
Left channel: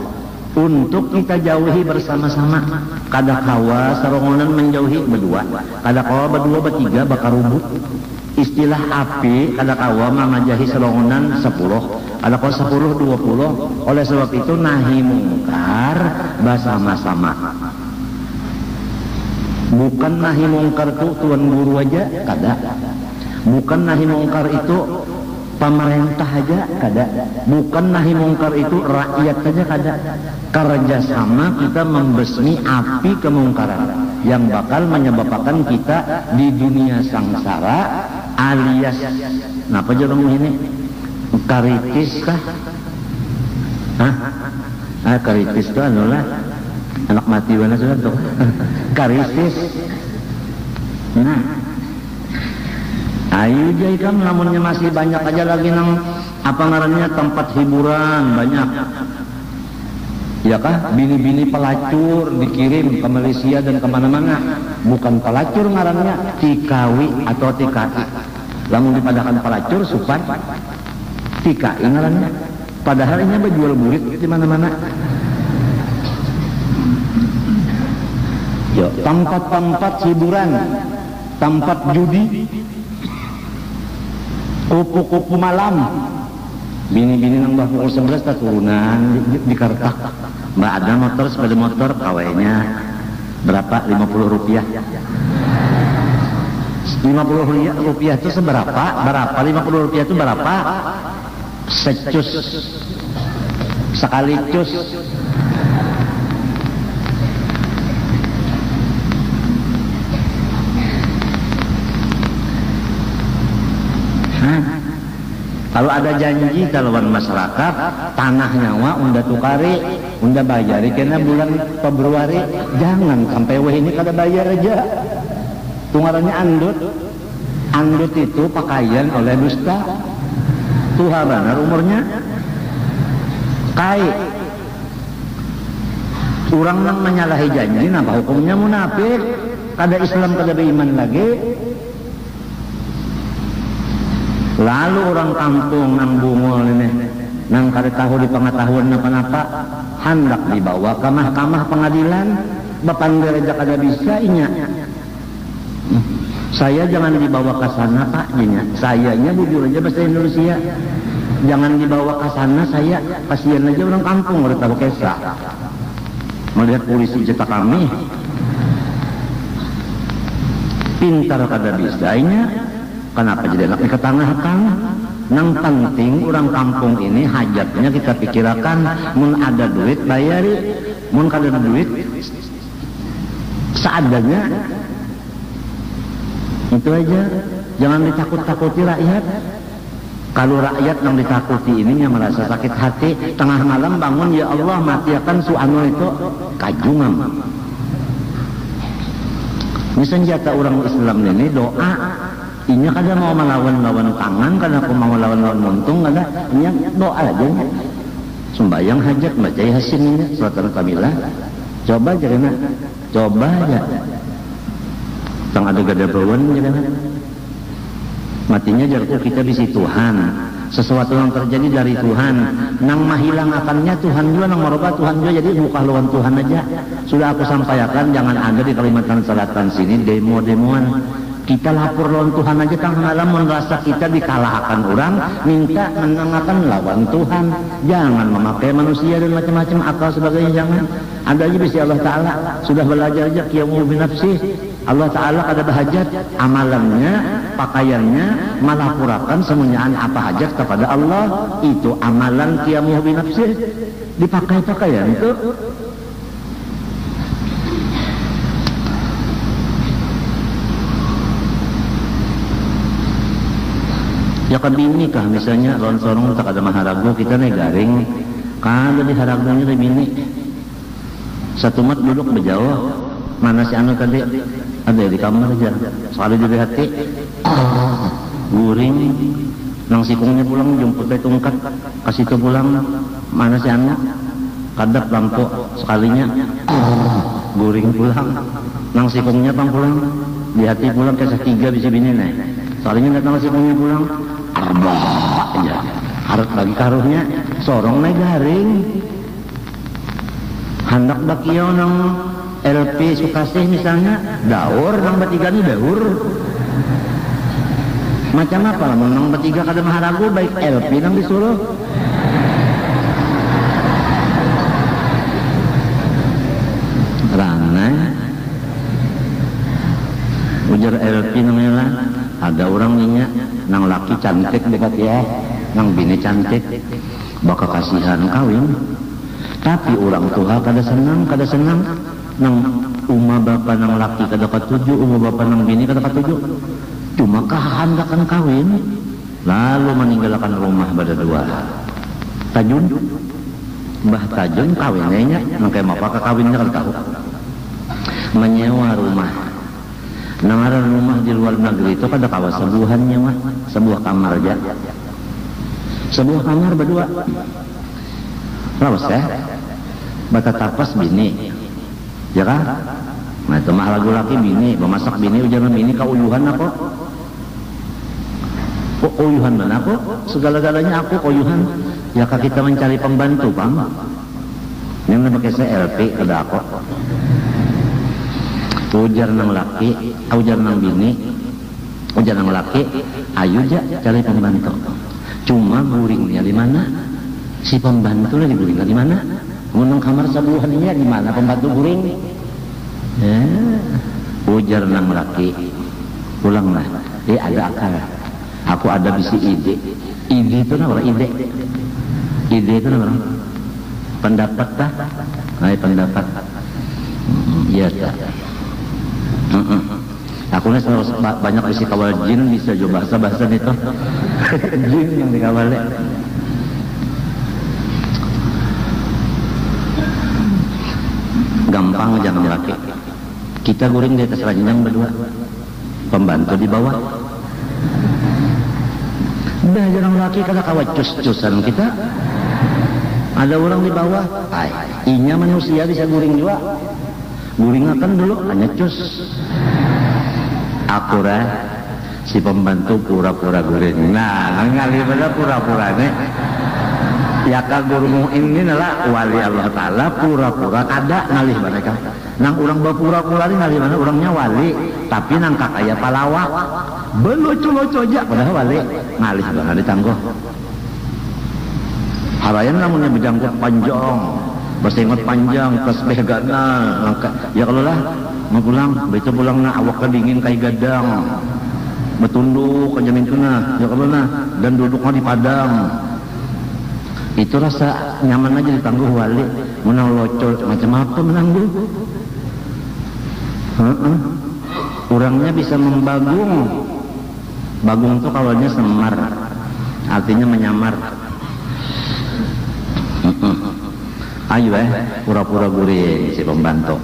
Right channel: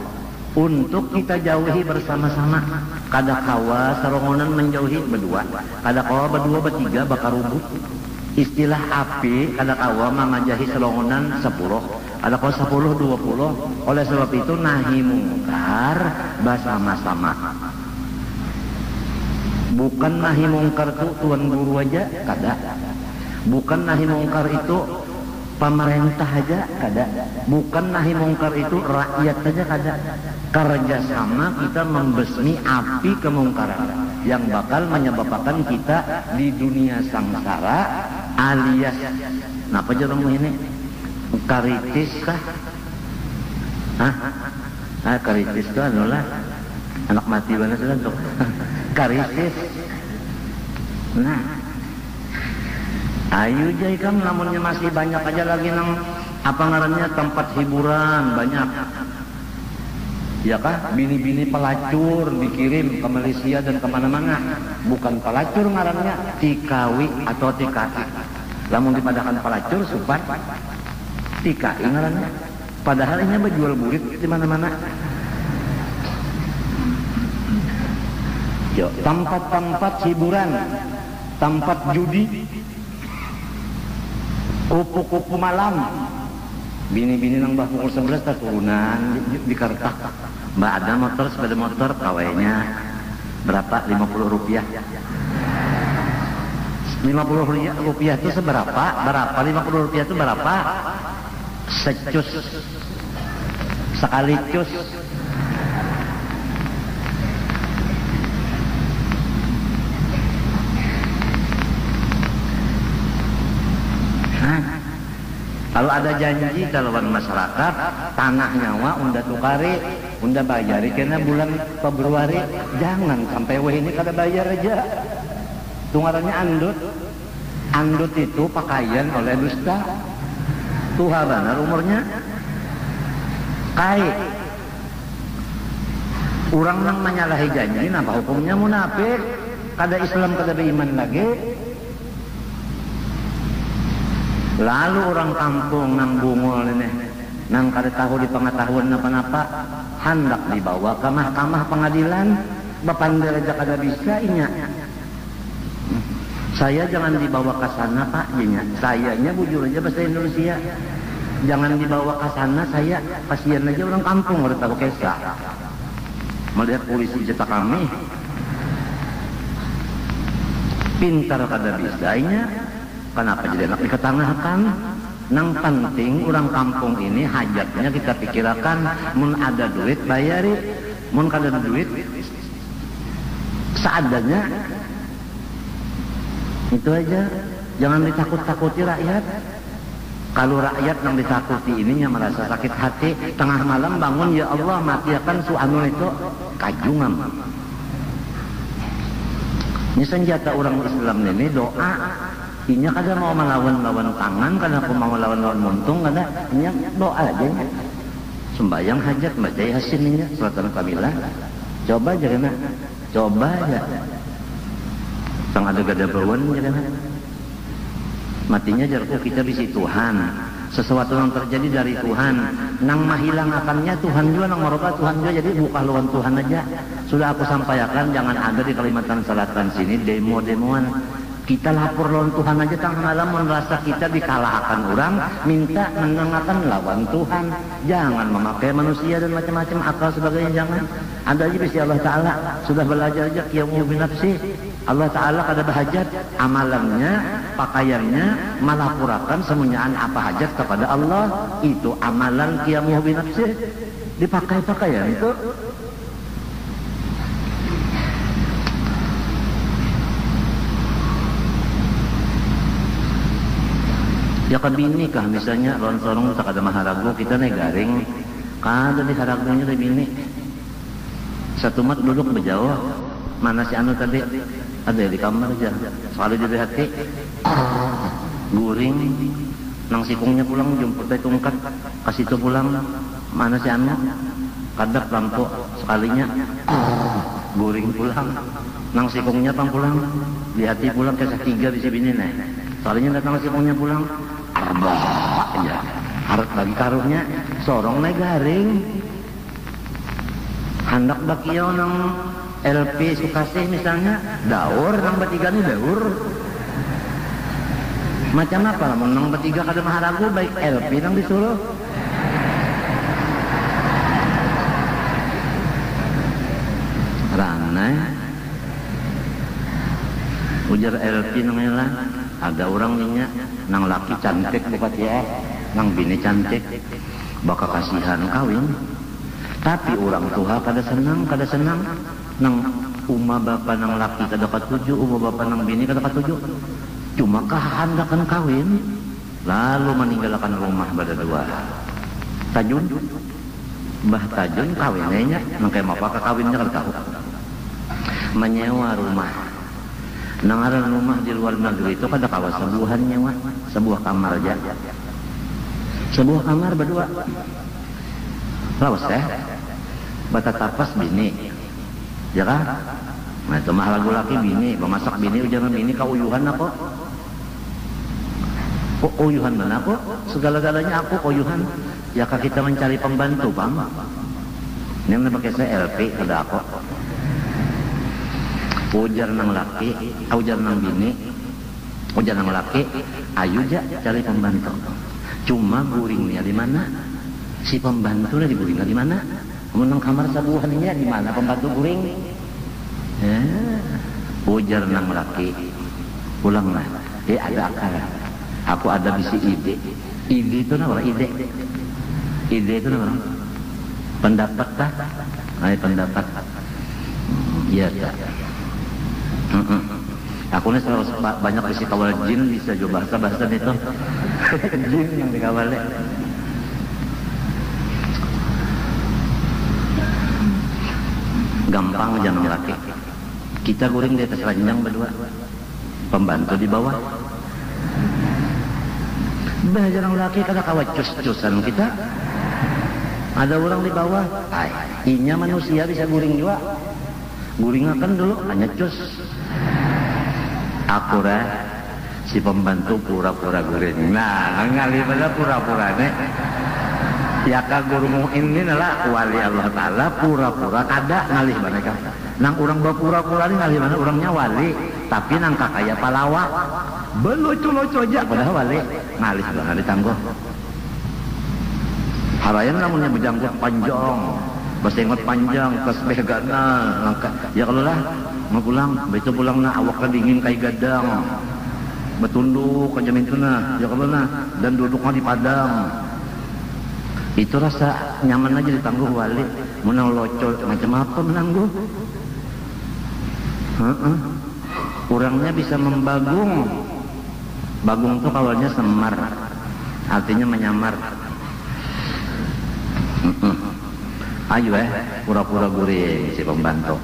untuk kita jauhi bersama-sama. Kada kawa sarongonan menjauhi berdua, kada kawa berdua bertiga bakar rubuk. Istilah api kada kawa mengajahi sarongonan 10, kada kawa 10 20. Oleh sebab itu nahi mungkar bersama-sama. Bukan nahi mungkar itu tuan guru aja, kada. Bukan nahi mungkar itu pemerintah aja, kada. Bukan nahi mungkar itu rakyat saja, kada. Kerjasama kita membasmi api kemungkaran yang bakal menyebabkan kita di dunia sangsara, alias apa aja bang ini? Karitis kah? Karitis kah adalah anak mati banget sudah tuh. Karitis. Ayo jadi kan namanya masih banyak aja lagi nang apa namanya tempat hiburan banyak. Ya kah? Bini-bini pelacur dikirim ke Malaysia dan kemana-mana. Bukan pelacur ngarannya, tikawi atau tikawi. Yang dikatakan pelacur suka tikawi ngarannya. Padahal ini ada jual murid di mana-mana. Ya, tempat-tempat hiburan, tempat judi, kupu-kupu malam. Bini-bini yang dah 11 tak turunan di Kartak. Nggak ada motor, sepeda motor, kawainya berapa? 50 rupiah. 50 rupiah itu seberapa? Berapa? 50 rupiah itu berapa? Secus. Sekali cus. Kalau ada janji kalau masyarakat tanah nyawa unda tukari, unda bayari kena bulan Februari, jangan sampai weh ini kada bayar aja. Tungarannya andut. Andut itu pakaian oleh dusta. Tuharannya umurnya tahu. Orang yang menyalahi janji maka hukumnya munafik. Kada Islam kada beriman lagi. Lalu orang kampung yang bungul ini, yang kada tahu di pengetahuannya kenapa, hendak dibawa ke mahkamah pengadilan, bapanggil aja kada bisa inya. Saya jangan dibawa ke sana Pak, inya. Sayanya jujur aja bahasa Indonesia. Jangan dibawa ke sana, saya kasihan aja orang kampung daripada kesa. Melihat polisi jeta kami, pintar kada bisa inya. Kenapa juga nak ke tanah-tanah? Yang penting orang kampung ini hajatnya kita pikirkan, mun ada duit bayari, mun kada duit seadanya. Itu aja, jangan ditakut-takuti rakyat. Kalau rakyat yang ditakuti ini yang merasa sakit hati, tengah malam bangun, ya Allah matiakan suami itu kajungan. Ini senjata orang Islam ini doa. Ini kada mau melawan-lawan tangan, kada mau melawan-lawan muntung, kada ini doa aja. Sembayang hajat baca Yasin ini, surat Al-Kamilah. Coba jangan, coba ya. Yang ada gada belum jangan. Matinya dari itu kita di Tuhan. Sesuatu yang terjadi dari Tuhan, yang menghilangannya Tuhan juga, yang merubah Tuhan juga. Jadi bukan lawan Tuhan aja. Sudah aku sampaikan, jangan ada di Kalimantan Selatan sini demo-demoan. Kita lapor lawan Tuhan aja kan malam merasa kita dikalahkan orang, minta mendengarkan lawan Tuhan. Jangan memakai manusia dan macam-macam akal sebagainya, jangan. Ada aja bisa Allah Ta'ala sudah belajar aja qiyamul binafsi. Allah Ta'ala ada bahajat amalannya, pakaiannya melapurakan semuanya apa hajat kepada Allah. Itu amalan qiyamul binafsi. Dipakai pakaian itu. Ya kan bini kah misalnya lawan sorong tak ada maharagu kita nih garing kan jadi haragunya di bini satu mat duduk berjauh mana si anu tadi ada di kamar aja sekali di BHT guring nang sikungnya pulang jemput tungkat kasih ke pulang mana si anu kadak lampu sekalinya guring pulang nang sikungnya tang pulang di hati pulang ke setiga bisa bini nih sekalinya datang sikungnya pulang abah ya harus bagi karuhnya sorong lebarin hendak bakia nang LP Sukasih misalnya daur nang bertiga ini daur macam-macam nang bertiga kada maharagu baik LP nang disuruh rangan ujar LP nang ada orang ini nang laki cantik dekat ya nang bini cantik bakal kasihan kawin tapi orang tua kada senang nang umah bapa nang laki kada katuju umah bapa nang bini kada katuju cuma kehendakan kawin lalu meninggalkan rumah berdua tajun mbah tajun kawinnya mungkin apa kawinnya kan tahu menyewa rumah di luar negeri itu kada kawas sebuahannya mah sebuah kamar aja sebuah kamar berdua kawas ya bata tapas bini ya kan nah itu mah laki-laki bini memasak bini ujian bini kauyuhan kok uyuhan mana kok segala-galanya aku uyuhan ya kak kita mencari pembantu bang ini pakai CLP ada kok ujar nang laki ujar nang bini ujar nang laki ayo aja cari pembantu cuma guringnya di mana si pembantu lagi guringnya di mana ngomong kamar sebuahannya di mana pembantu guring ya ujar nang laki pulanglah ada akal aku ada bisi ide itu apa ide itu apa pendapat dah pendapat iya aku nih banyak isi kawal jin bisa juga bahasa itu jin yang dikawal gampang jangan laki kita guring di atas ranjang berdua pembantu di bawah jangan laki kalau kawat cus-cusan kita ada orang di bawah inya manusia bisa guring juga guringnya kan dulu hanya cus akura si pembantu pura-pura guring nah ngali beda pura-puranya ya kagurmu ini adalah wali Allah Ta'ala pura-pura kada ngalih mereka nang orang berpura-pura ini ngalih banyak orangnya wali tapi nang tak kaya palawak belucu-lucu aja padahal wali ngalih banget ditangguh harayan namanya berjangkut panjang bahasa ingat panjang tasbih gana ya kalau lah mau pulang betul pulangnya awak kedingin kayak gadang betunduk ke jamintina ya kalau nah dan duduknya di padang itu rasa nyaman aja ditangguh wali menolocok macam-macam nangguh orangnya bisa membagung bagung itu kalau ini semar artinya menyamar ayo pura-pura guring si pembantu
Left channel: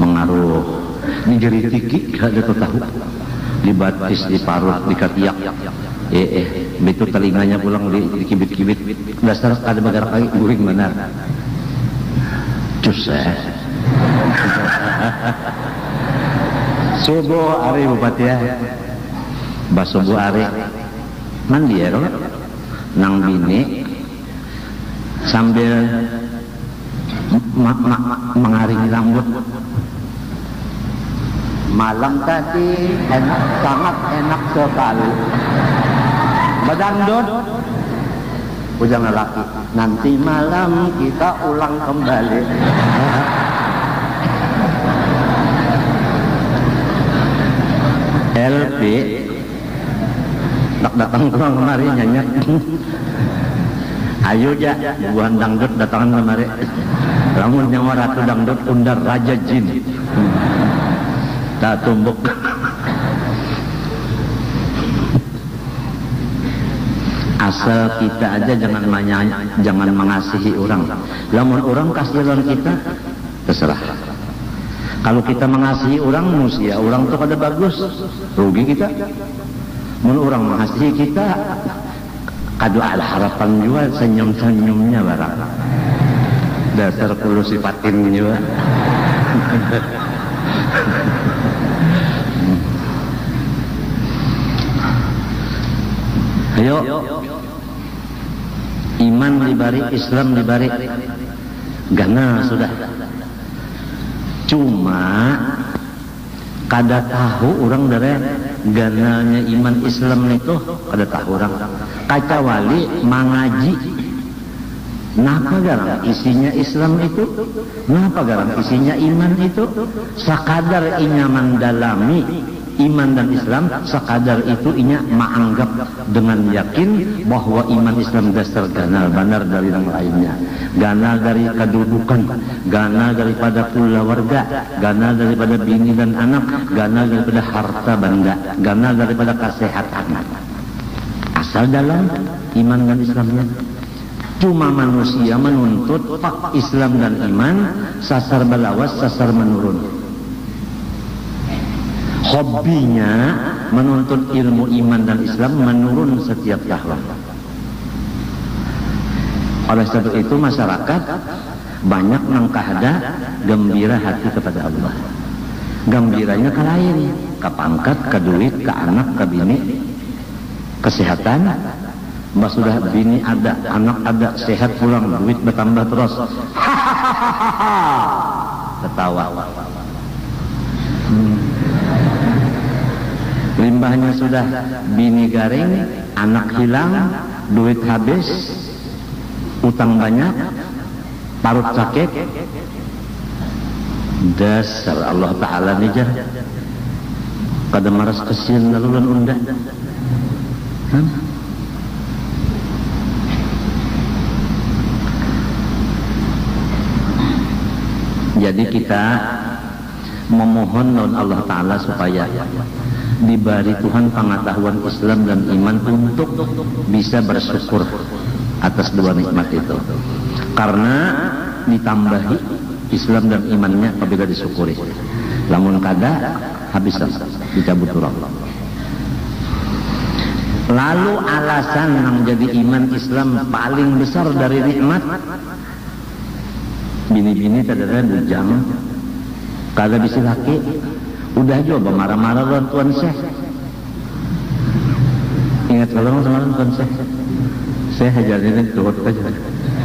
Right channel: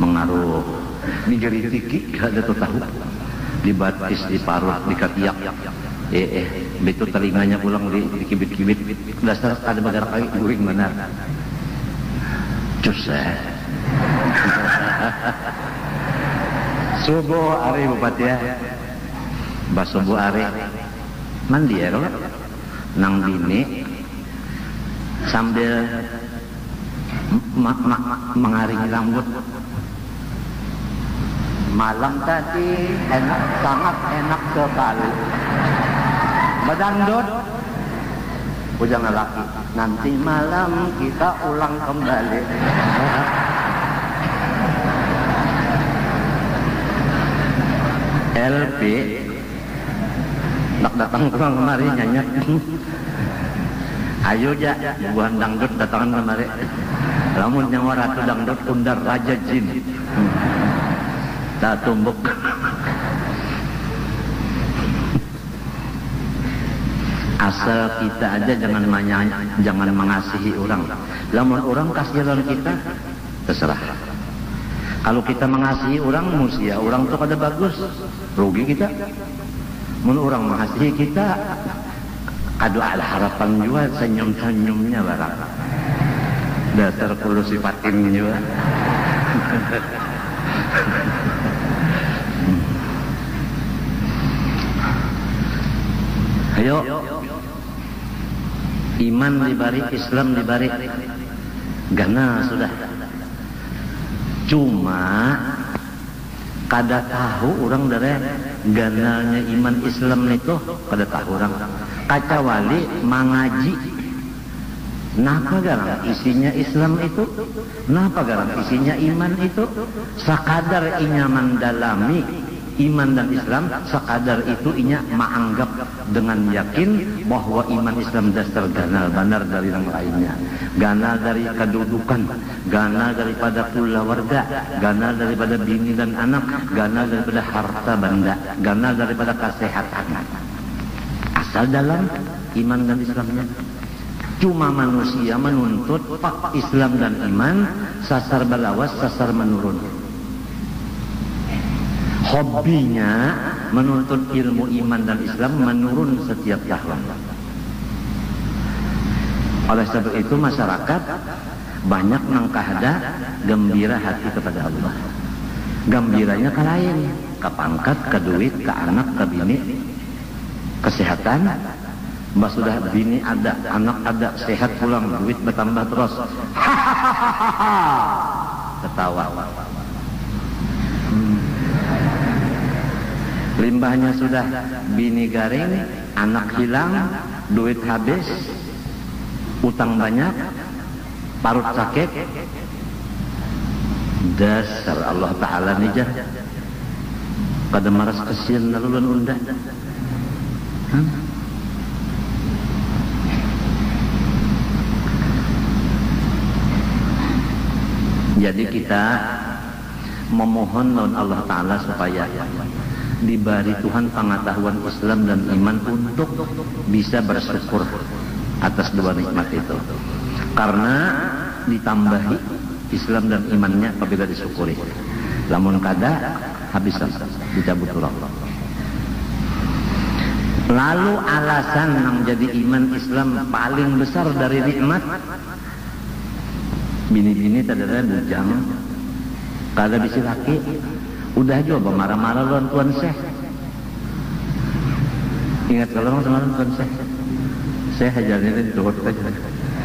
mengaruh menjadi tiki gak gitu tahu dibatis diparut dikatiak begitu telinganya pulang dikibit-kibit dasar ada negara kayu guring benar cus ya subuh hari bupati ya basubuh hari mandi ya kalau nang bini sambil mengaring rambut malam tadi sangat enak sekali badangdut ujang laki nanti malam kita ulang kembali LP datang pulang kemari nyanyi ayo aja buan dangdut datangan kemari lamun nama ratu dangdut undang raja jin tak tumbuk asal kita aja jangan mengasihi orang lamun orang kasihan kita terserah Kalau kita mengasihi orang manusia, orang itu kada bagus, rugi kita. Dan orang mengasihi kita, kada ada harapan juga, senyum-senyumnya barang. Dasar perlu sifatin juga. Ayo, iman dibalik, Islam dibalik, gana sudah. Cuma kada tahu orang dari gananya iman Islam itu kada tahu orang. Kecuali mengaji. Napa garang isinya Islam itu? Napa garang isinya iman itu? Sakadar inya mendalami iman dan Islam, sakadar itu inya menganggap dengan yakin bahwa iman Islam dasar ganal benar dari yang lainnya. Ganal dari kedudukan, ganal daripada keluarga, ganal daripada bini dan anak, ganal daripada harta benda, ganal daripada kesehatan. Asal dalam iman dan Islamnya. Cuma manusia menuntut Islam dan iman, sasar balawas, sasar menurun. Hobinya menuntut ilmu iman dan Islam menurun setiap tahun. Oleh sebab itu masyarakat banyak yang kahada gembira hati kepada Allah. Gembiranya ke lain, ke pangkat, ke duit, ke anak, ke bini, kesehatan. Mbak sudah bini ada, anak ada, sehat pulang, duit bertambah terus. Ketawa. Limbahnya sudah bini garing, anak hilang, duit habis, utang banyak, parut sakit. Dasar Allah Ta'ala nih jah. Kada maras kesin lalu dan undang. Jadi kita memohon kepada Allah Ta'ala supaya diberi Tuhan pengetahuan Islam dan iman untuk bisa bersyukur atas dua nikmat itu. Karena ditambahi Islam dan imannya apabila disyukuri. Namun kada habisan dicabut Allah. Lalu alasan yang menjadi iman Islam paling besar dari nikmat, bini-bini kadang-kadang bujang, kagak bisa laki, udah aja marah-marah dengan Tuan Syekh. Ingat kalau sama Tuan Syekh, saya hajarnya turut aja.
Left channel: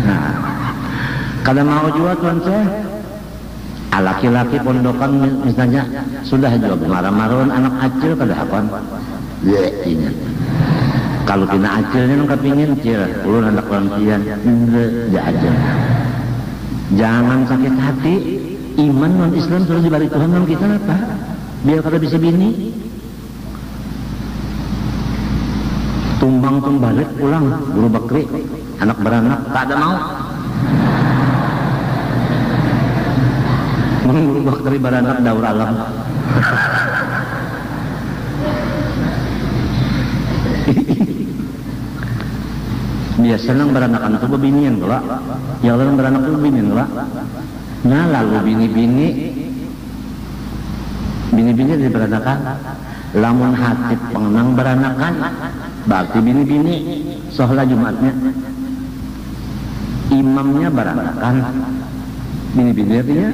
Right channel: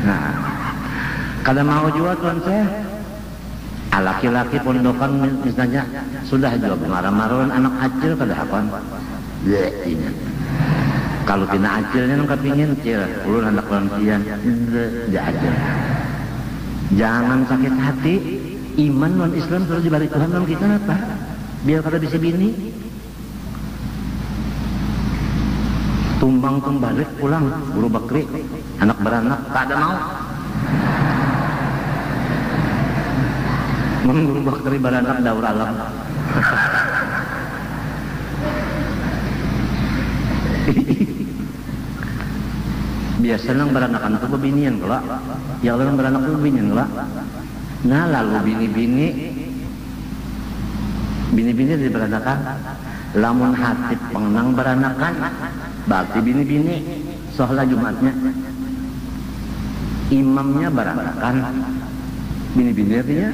Nah, kadang mau juga Tuan Syekh, laki-laki pondokan misalnya sudah aja marah-marah anak acil kada apa? Ya ini. Kalau kena acilnya kepingin cia, ulun anak lansian, ya aja. Jangan sakit hati, iman dan Islam sudah diberi Tuhan dan kita apa? Biar kada bisa bini. Tumbang balik pulang, guru bakri, anak beranak, tak ada mau. Guru bakri beranak daur alam. Biasanya beranakan itu bebinian pula. Ya orang beranak itu bebinian pula. Nah lalu bini-bini di beranakan. Lamun hati pengenang beranakan, berarti bini-bini sholat Jumatnya. Imamnya beranakan, bini-bini artinya.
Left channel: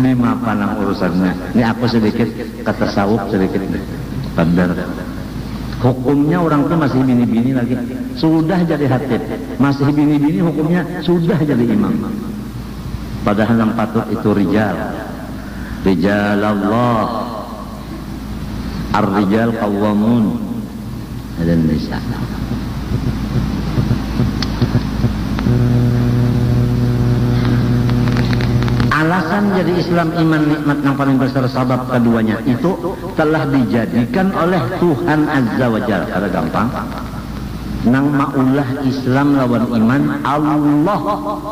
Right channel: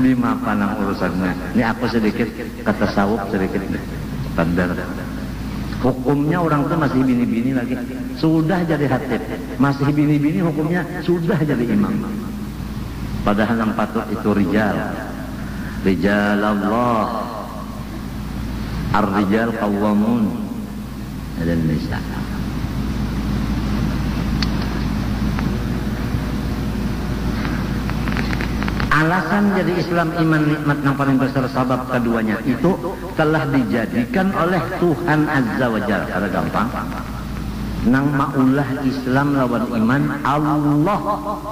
Lima panang urusannya. Ini aku sedikit kata sawut sedikit nih. Benar. Hukumnya orang itu masih bini-bini lagi. Sudah jadi hatib. Masih bini-bini hukumnya sudah jadi imam. Padahal yang patut itu rijal. Rijal Allah. Ar-rijal qawwamun 'alan nisa. Alasan jadi Islam iman nikmat yang paling besar sabab keduanya itu telah dijadikan oleh Tuhan Azza wa Jalla. Ada gampang. Nang maulah Islam lawan iman Allah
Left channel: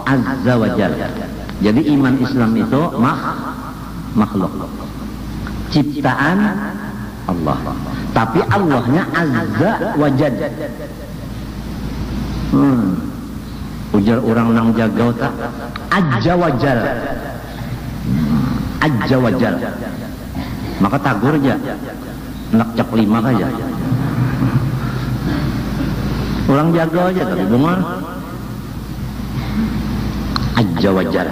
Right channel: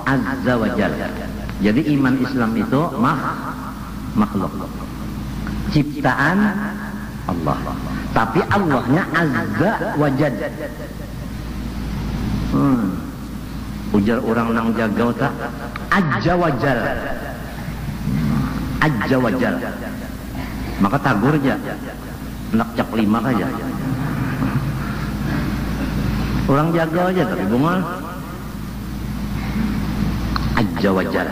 Azza wa Jalla. Jadi iman Islam itu makhluk. Ciptaan Allah. Tapi Allahnya Azza wa Jalla. ujar orang nang jagal tak aja wajal maka tagur aja nak cek 5 aja orang jaga aja tapi benar aja wajal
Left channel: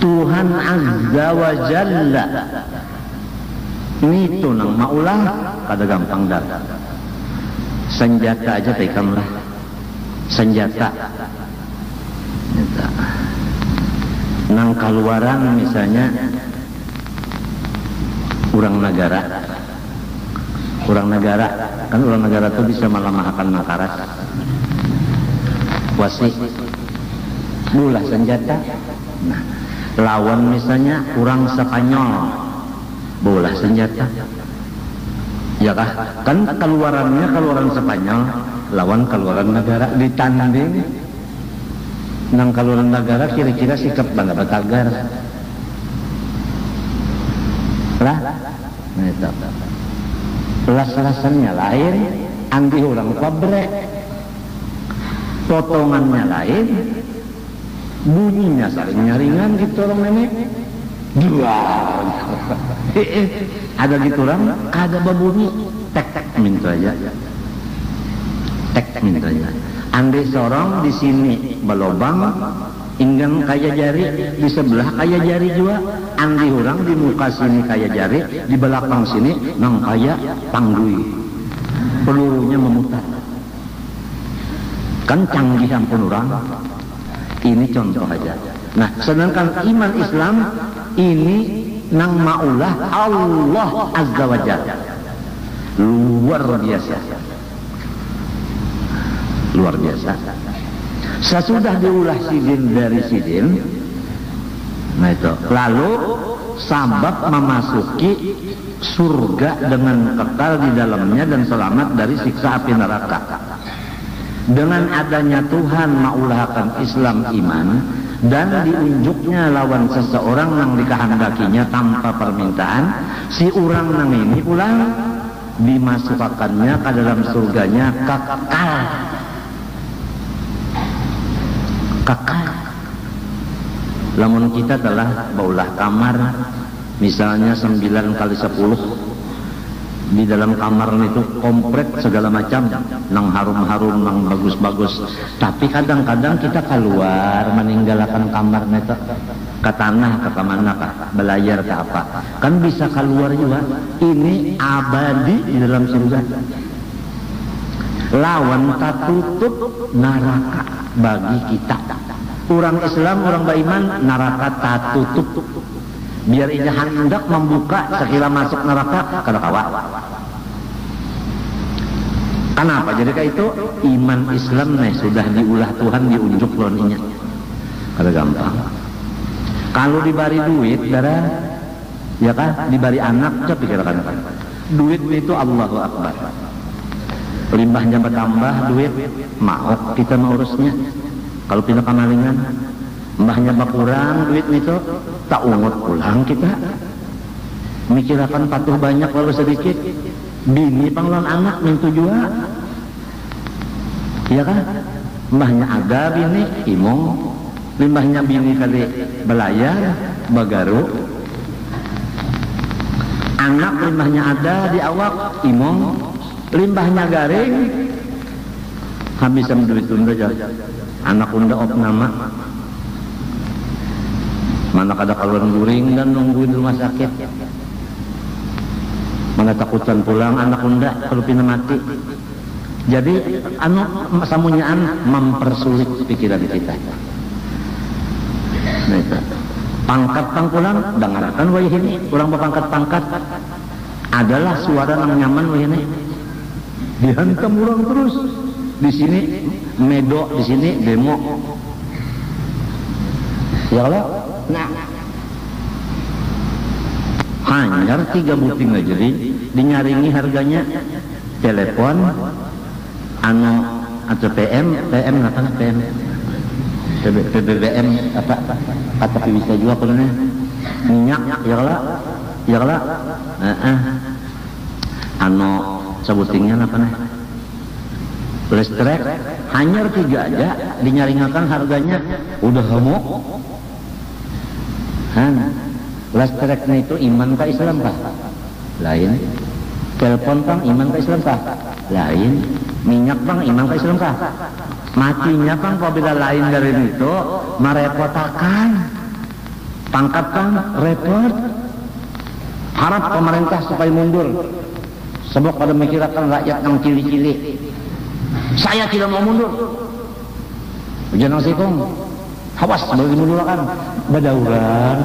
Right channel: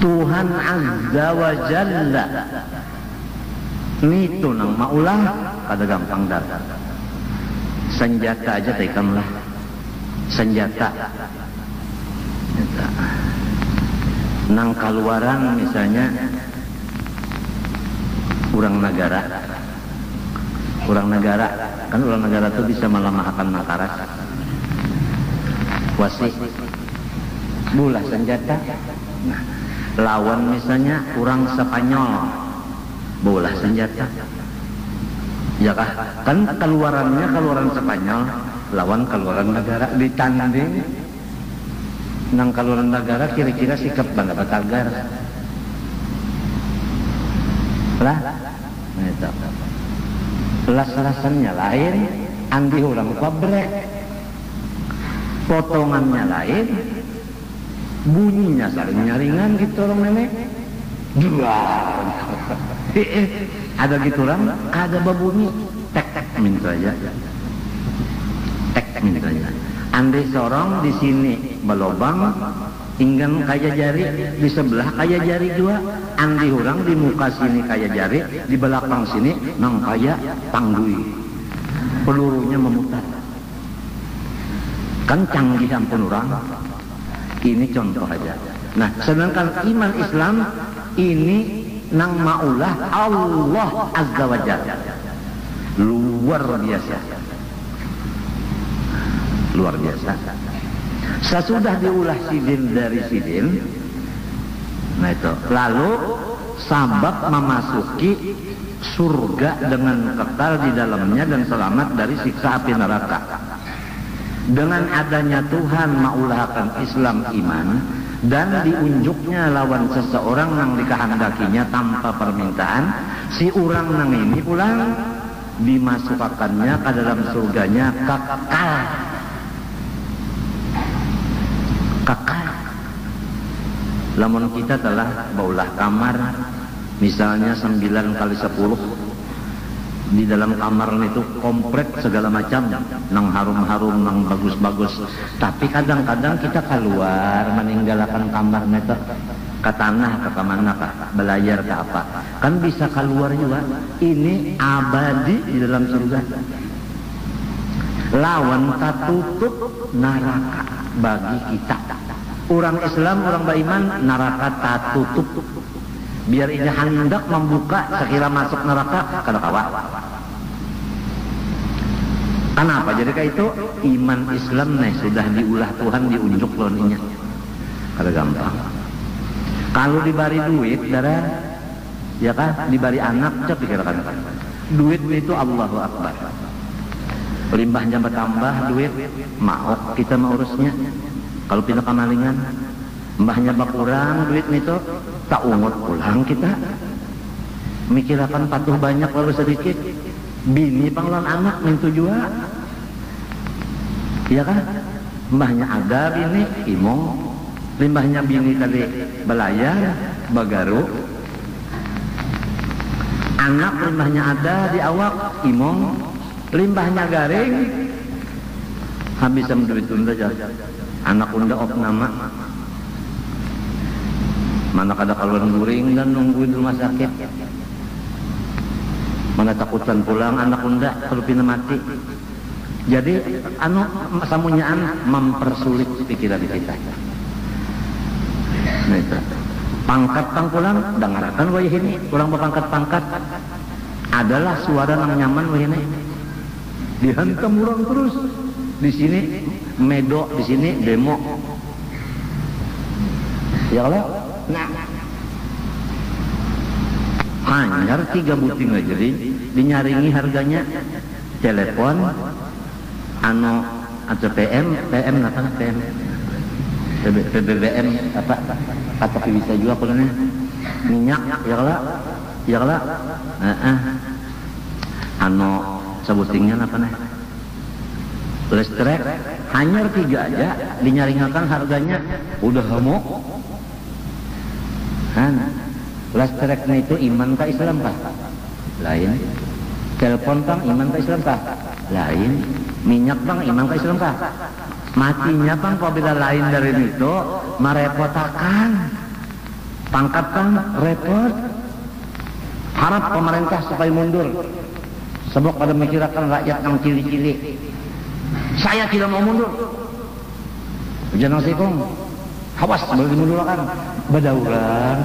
Tuhan azza wa jalla itu nang maulah kada gampang dah senjata aja tekanlah senjata nang kaluaran misalnya orang negara kan orang negara itu bisa malah-malahan makarat wasih bulah senjata lawan misalnya orang Spanyol bola senjata ya kan keluaran Spanyol lawan keluaran negara ditanding nang keluaran negara kira-kira sikap negara tagar lah las-lasannya lain andi orang kabrek potongannya lain bunyinya saling ngaringan gitu orang ini gila ada gitu orang ada babunyi tek minta aja andai seorang di sini belobang ingin kaya jari di sebelah kaya jari juga andi orang di muka sini kaya jari di belakang sini nang kaya tanggui pelurunya memutar kan canggihan penurang ini contoh aja. Nah, sedangkan iman Islam ini yang maulah Allah azza wa jalla luar biasa. Sesudah diulah sidin dari sidin, nah itu lalu sahabat memasuki surga dengan kekal di dalamnya dan selamat dari siksa api neraka. Dengan adanya Tuhan maulahkan Islam iman dan diunjuknya lawan seseorang yang dikehendakinya tanpa permintaan, si orang yang ini pulang dimasukkannya ke dalam surganya kekal. Yang kita telah baulah kamar misalnya 9 kali 10 di dalam kamar itu komplit segala macam nang harum-harum nang bagus-bagus tapi kadang-kadang kita keluar meninggalkan kamarnya ke tanah ke mana ke belayar ke apa kan bisa keluar juga ini abadi di dalam surga lawan tertutup neraka bagi kita orang Islam orang beriman neraka tertutup biar ini hendak membuka sekira masuk neraka kada kawa. Kenapa? Jadi kayak itu iman Islamnya sudah diulah Tuhan diunjuk loninya. Ada gampang. Kalau diberi duit, darah, ya kan? Diberi anak, tapi kira-kira duit itu Allahu Akbar. Limbahnya bertambah duit, maaf kita ngurusnya. Kalau pindah kanalingan, limbahnya berkurang duit itu, tak ungut pulang kita. Mikirkan patuh banyak kalau sedikit. Bini panglang anak yang tujuan iya kan limbahnya ada bini imong limbahnya bini kali belayar bagaru anak limbahnya ada di awak imong limbahnya garing habisan duit tunda anak unda op nama mana kada keluar juring dan nungguin rumah sakit mana takutan pulang anak unda perlu pindah mati jadi anak samunyaan mempersulit pikiran kita gitu. Pangkat pangkulan dengarkan wajah ini kurang berpangkat pangkat adalah suara yang nyaman ini dihantam orang terus di sini nego di sini demo ya kalau nah hanyar 3 buting aja jadi dinyaringi harganya telepon anak ACPM PM ngapain PM PBBM apa bisa juga apa namanya minyak ya kalau anak sebutingnya apa listrik hanyar 3 aja dinyaringakan harganya udah homo. Listrik itu iman ke Islam kah? Lain. Telepon bang iman ke Islam kah? Lain. Minyak bang iman ke Islam kah? Matinya kan apabila lain dari itu merepotakan. Tangkap kan repot. Harap pemerintah sekali mundur. Sebab ada masyarakat rakyat yang cili-cili. Saya tidak mau mundur. Jangan sekong. Awas, begini dulu kan. Berdaulat.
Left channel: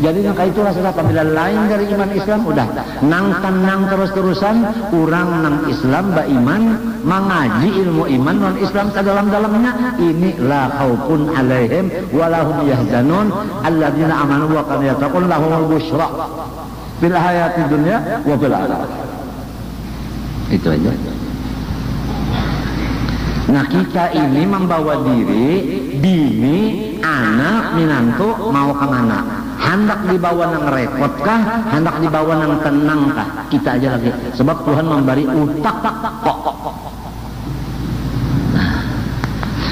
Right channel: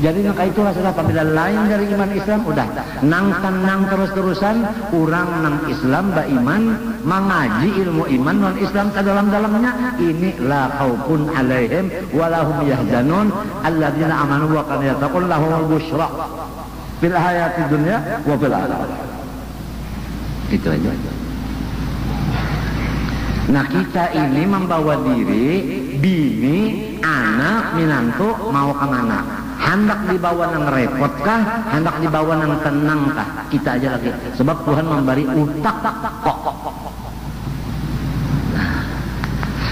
Jadi maka itulah sudah bila lain dari iman Islam udah nang terus-terusan kurang nang Islam ba iman mengaji ilmu iman dan Islam ke dalam-dalamnya ini la khaufun alaihim wa lahum yahzanun alladzina amanu wa kanu yattaqun lahumul busyra fil hayatid dunya wa fil akhirah. Itu aja. Nah kita ini membawa diri bini, anak, menantu mau kemana? Hendak dibawa nang repot kah? Hendak dibawa nang tenang kah? Kita aja lagi. Sebab Tuhan memberi upah pokok.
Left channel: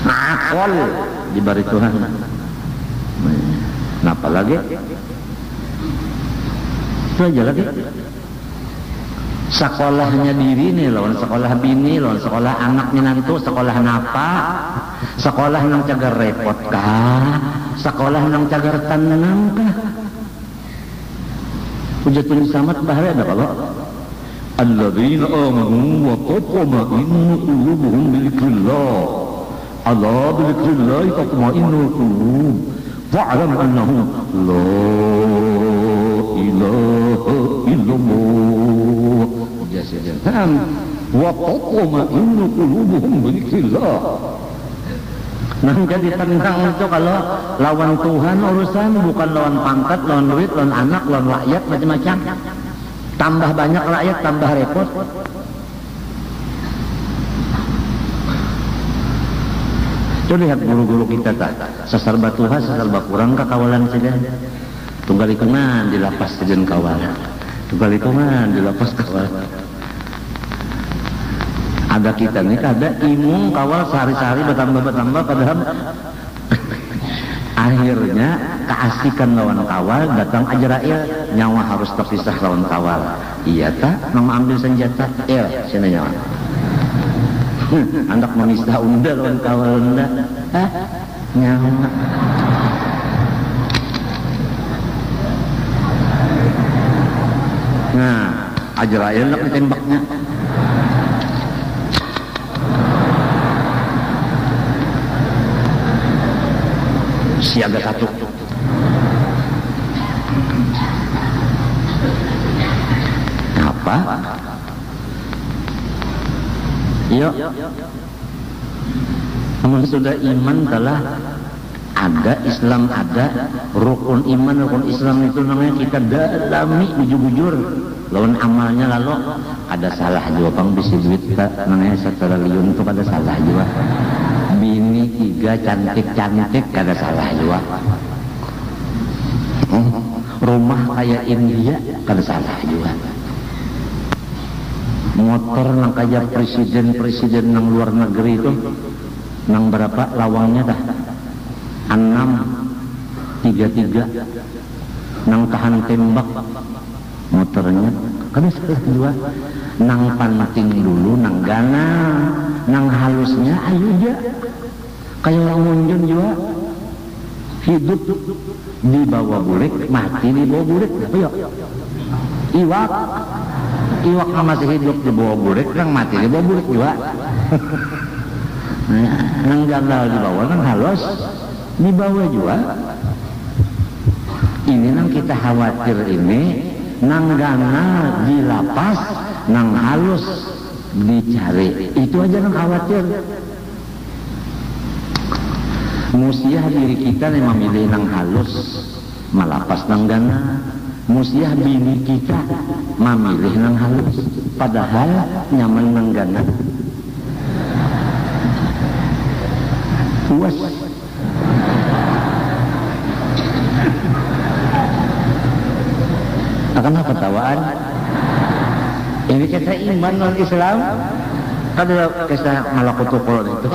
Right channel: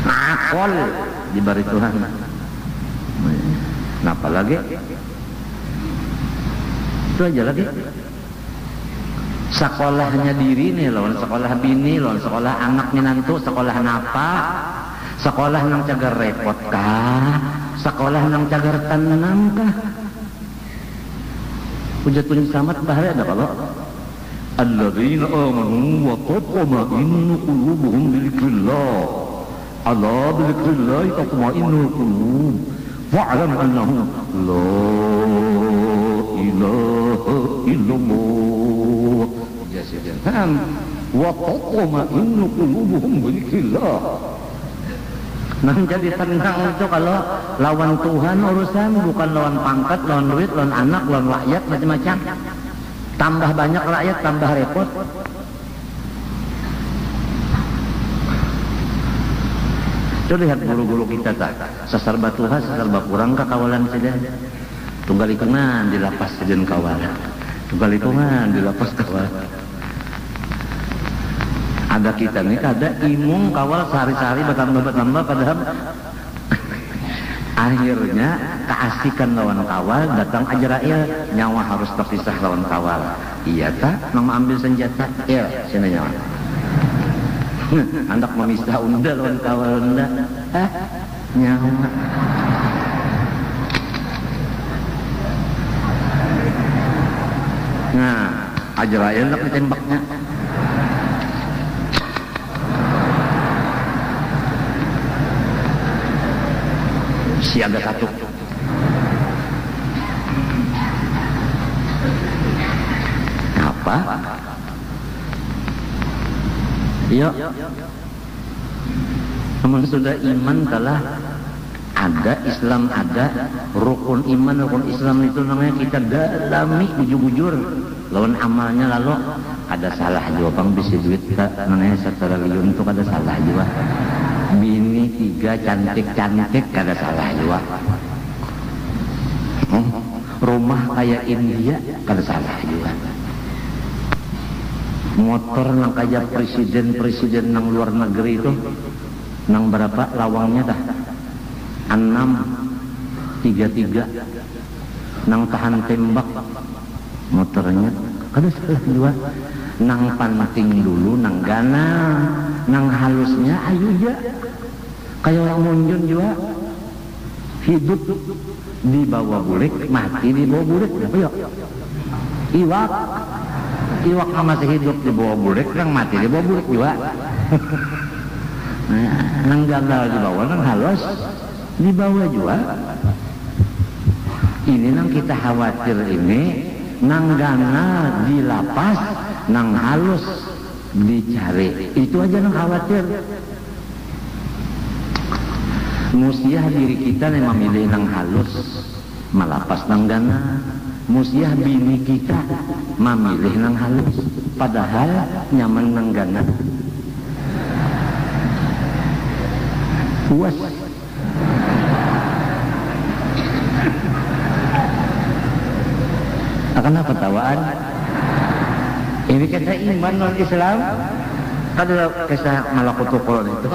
Nah, akal diberi Tuhan. Nah, apa lagi? Itu aja lagi. Sekolahnya diri nih, lawan sekolah bini, lawan sekolah anak menantu, sekolah napa, sekolah yang kagak repot kah? Sekolah yang cagar tenang kah? Tujuan sangat bahaya dah kalau alladzina amanu wa tatma'innu qulubuhum bidzikrillah. Ala bidzikrillah tatma'innul qulub. Fa'lam annahu la ilaha illallah. Wa tatma'innu qulubuhum bidzikrillah. Nah jadi tenang itu kalau lawan Tuhan urusan bukan lawan pangkat, lawan duit, lawan anak, lawan rakyat macam-macam. Tambah banyak rakyat, tambah repot. Itu lihat guru-guru kita tak seserba Tuhan, seserba kurang kekawalan saja. Tunggal itu di lapas tujuan kawal. Tunggal itu di lapas kawal. Ada kita ini ada ilmu kawal sehari-hari bertambah padahal akhirnya keasikan lawan kawal datang Azrail nyawa harus terpisah lawan kawal. Iya kah? Mau ambil senjata? Ya sini nyawa. Anak memisah unda lawan kawal unda. Hah? Nah Azrail nak ditembaknya. Siaga satu. Apa? Ya. Karena sudah iman telah ada, Islam ada, rukun iman, rukun Islam itu namanya kita dalami jujur-jujur. Lawan amalnya lalu ada salah juga kan bisa duit tak namanya sektoralium itu ada salah juga. Bini 3 cantik-cantik kagak salah juga. Rumah kayak India kagak salah juga. Motor yang kayak presiden yang luar negeri itu yang berapa lawangnya dah 6 33 yang tahan tembak motornya kagak salah juga. Nang penting dulu nang ganang nang halusnya ayo aja. Kalau yang mungkin juga hidup di bawah burik, mati di bawah burik, ayo. Iwak masih hidup di bawah burik, yang mati di bawah burik juga. Yang ganda di bawah kan halus, di bawah juga. Ini yang kita khawatir ini, nang ganda di lapas, nang halus dicari. Itu aja yang khawatir. Musiah diri kita yang memilih nang halus malapas nang gana. Musiah bini kita memilih nang halus padahal namanya nang gana. Puas. Akan ketawaan. Ini kata iman dan Islam Padahal kisah malakutu kolon itu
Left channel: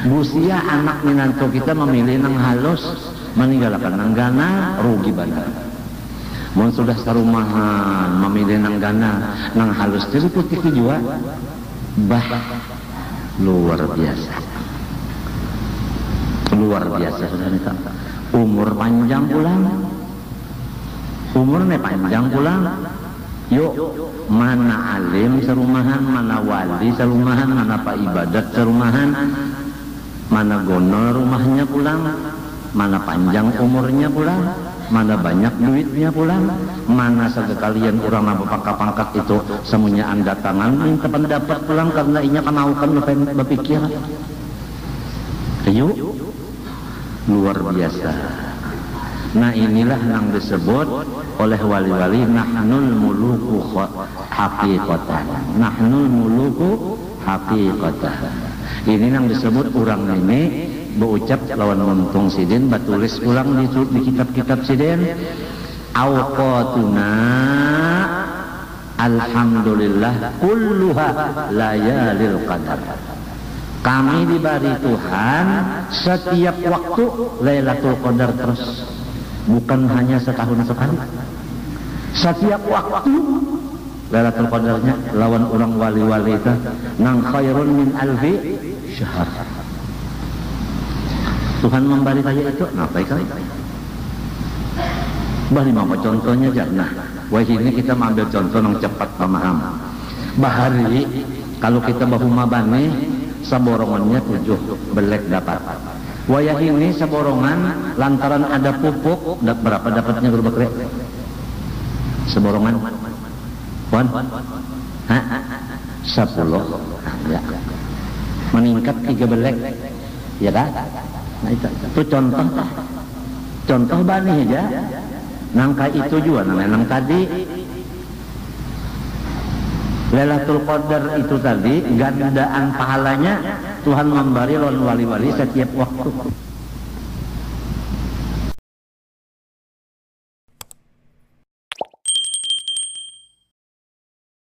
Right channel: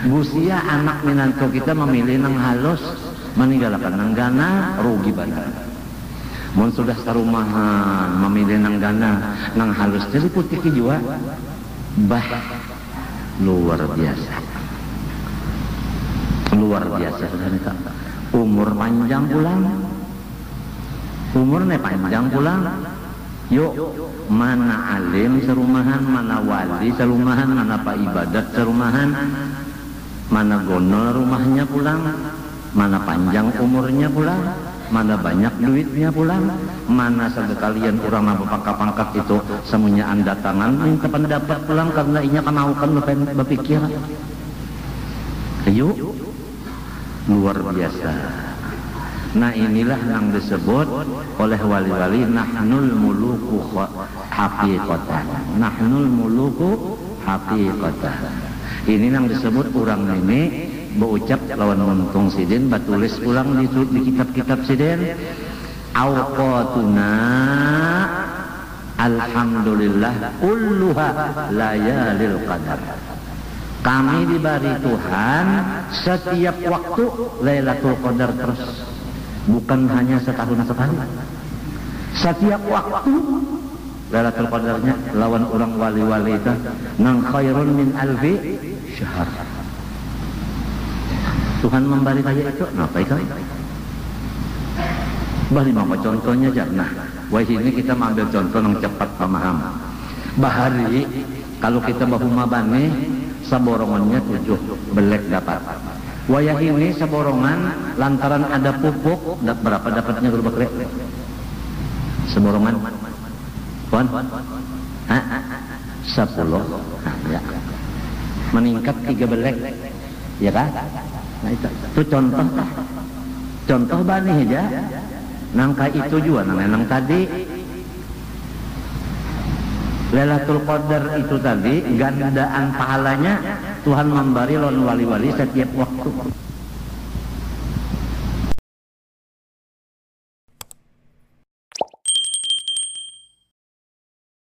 Busia anak menantu kita memilih yang halus, meninggalkan yang gana, rugi banget. Dan sudah sarumahan memilih yang gana, yang halus jadi putih juga, bah luar biasa. Luar biasa ya, umur panjang pulang, umurnya panjang pulang. Yuk, mana alim sarumahan, mana wali sarumahan, mana pak ibadat sarumahan, mana gonor rumahnya pulang, mana panjang umurnya pulang, mana banyak duitnya pulang, mana sekalian orang apa pangkat itu semuanya anda tangan minta pendapat pulang karena ini kenaukan bukan berpikir. Yuk, luar biasa. Nah inilah yang disebut oleh wali-wali nahnul muluku haqiqatan. Nahnul muluku haqiqatan. Ini yang disebut orang ini berucap lawan mumpung sidin batulis ulang di kitab-kitab sidin awqatuna alhamdulillah kulluha layalil qadar. Kami diberi Tuhan setiap waktu Lailatul Qadar terus, bukan hanya setahun sekali. Setiap waktu Lailatul Qadarnya lawan orang wali-wali itu nang khairun min alfi syahr. Tuhan memberi saya itu, maka itu. Dan mau contohnya jangan. Wah ini kita ambil contoh yang cepat paham. Bahari kalau kita bahuma bangi saborongannya 7 belek dapat. Wayah ini saborongan lantaran ada pupuk berapa dapatnya berapa? Saborongan kan? 10 ya. Meningkat 3 belek ya kan? Nah, itu contoh banyak aja. Yang itu juga yang tadi Lailatul Qadar itu tadi gandaan pahalanya Tuhan memberi wali-wali setiap waktu.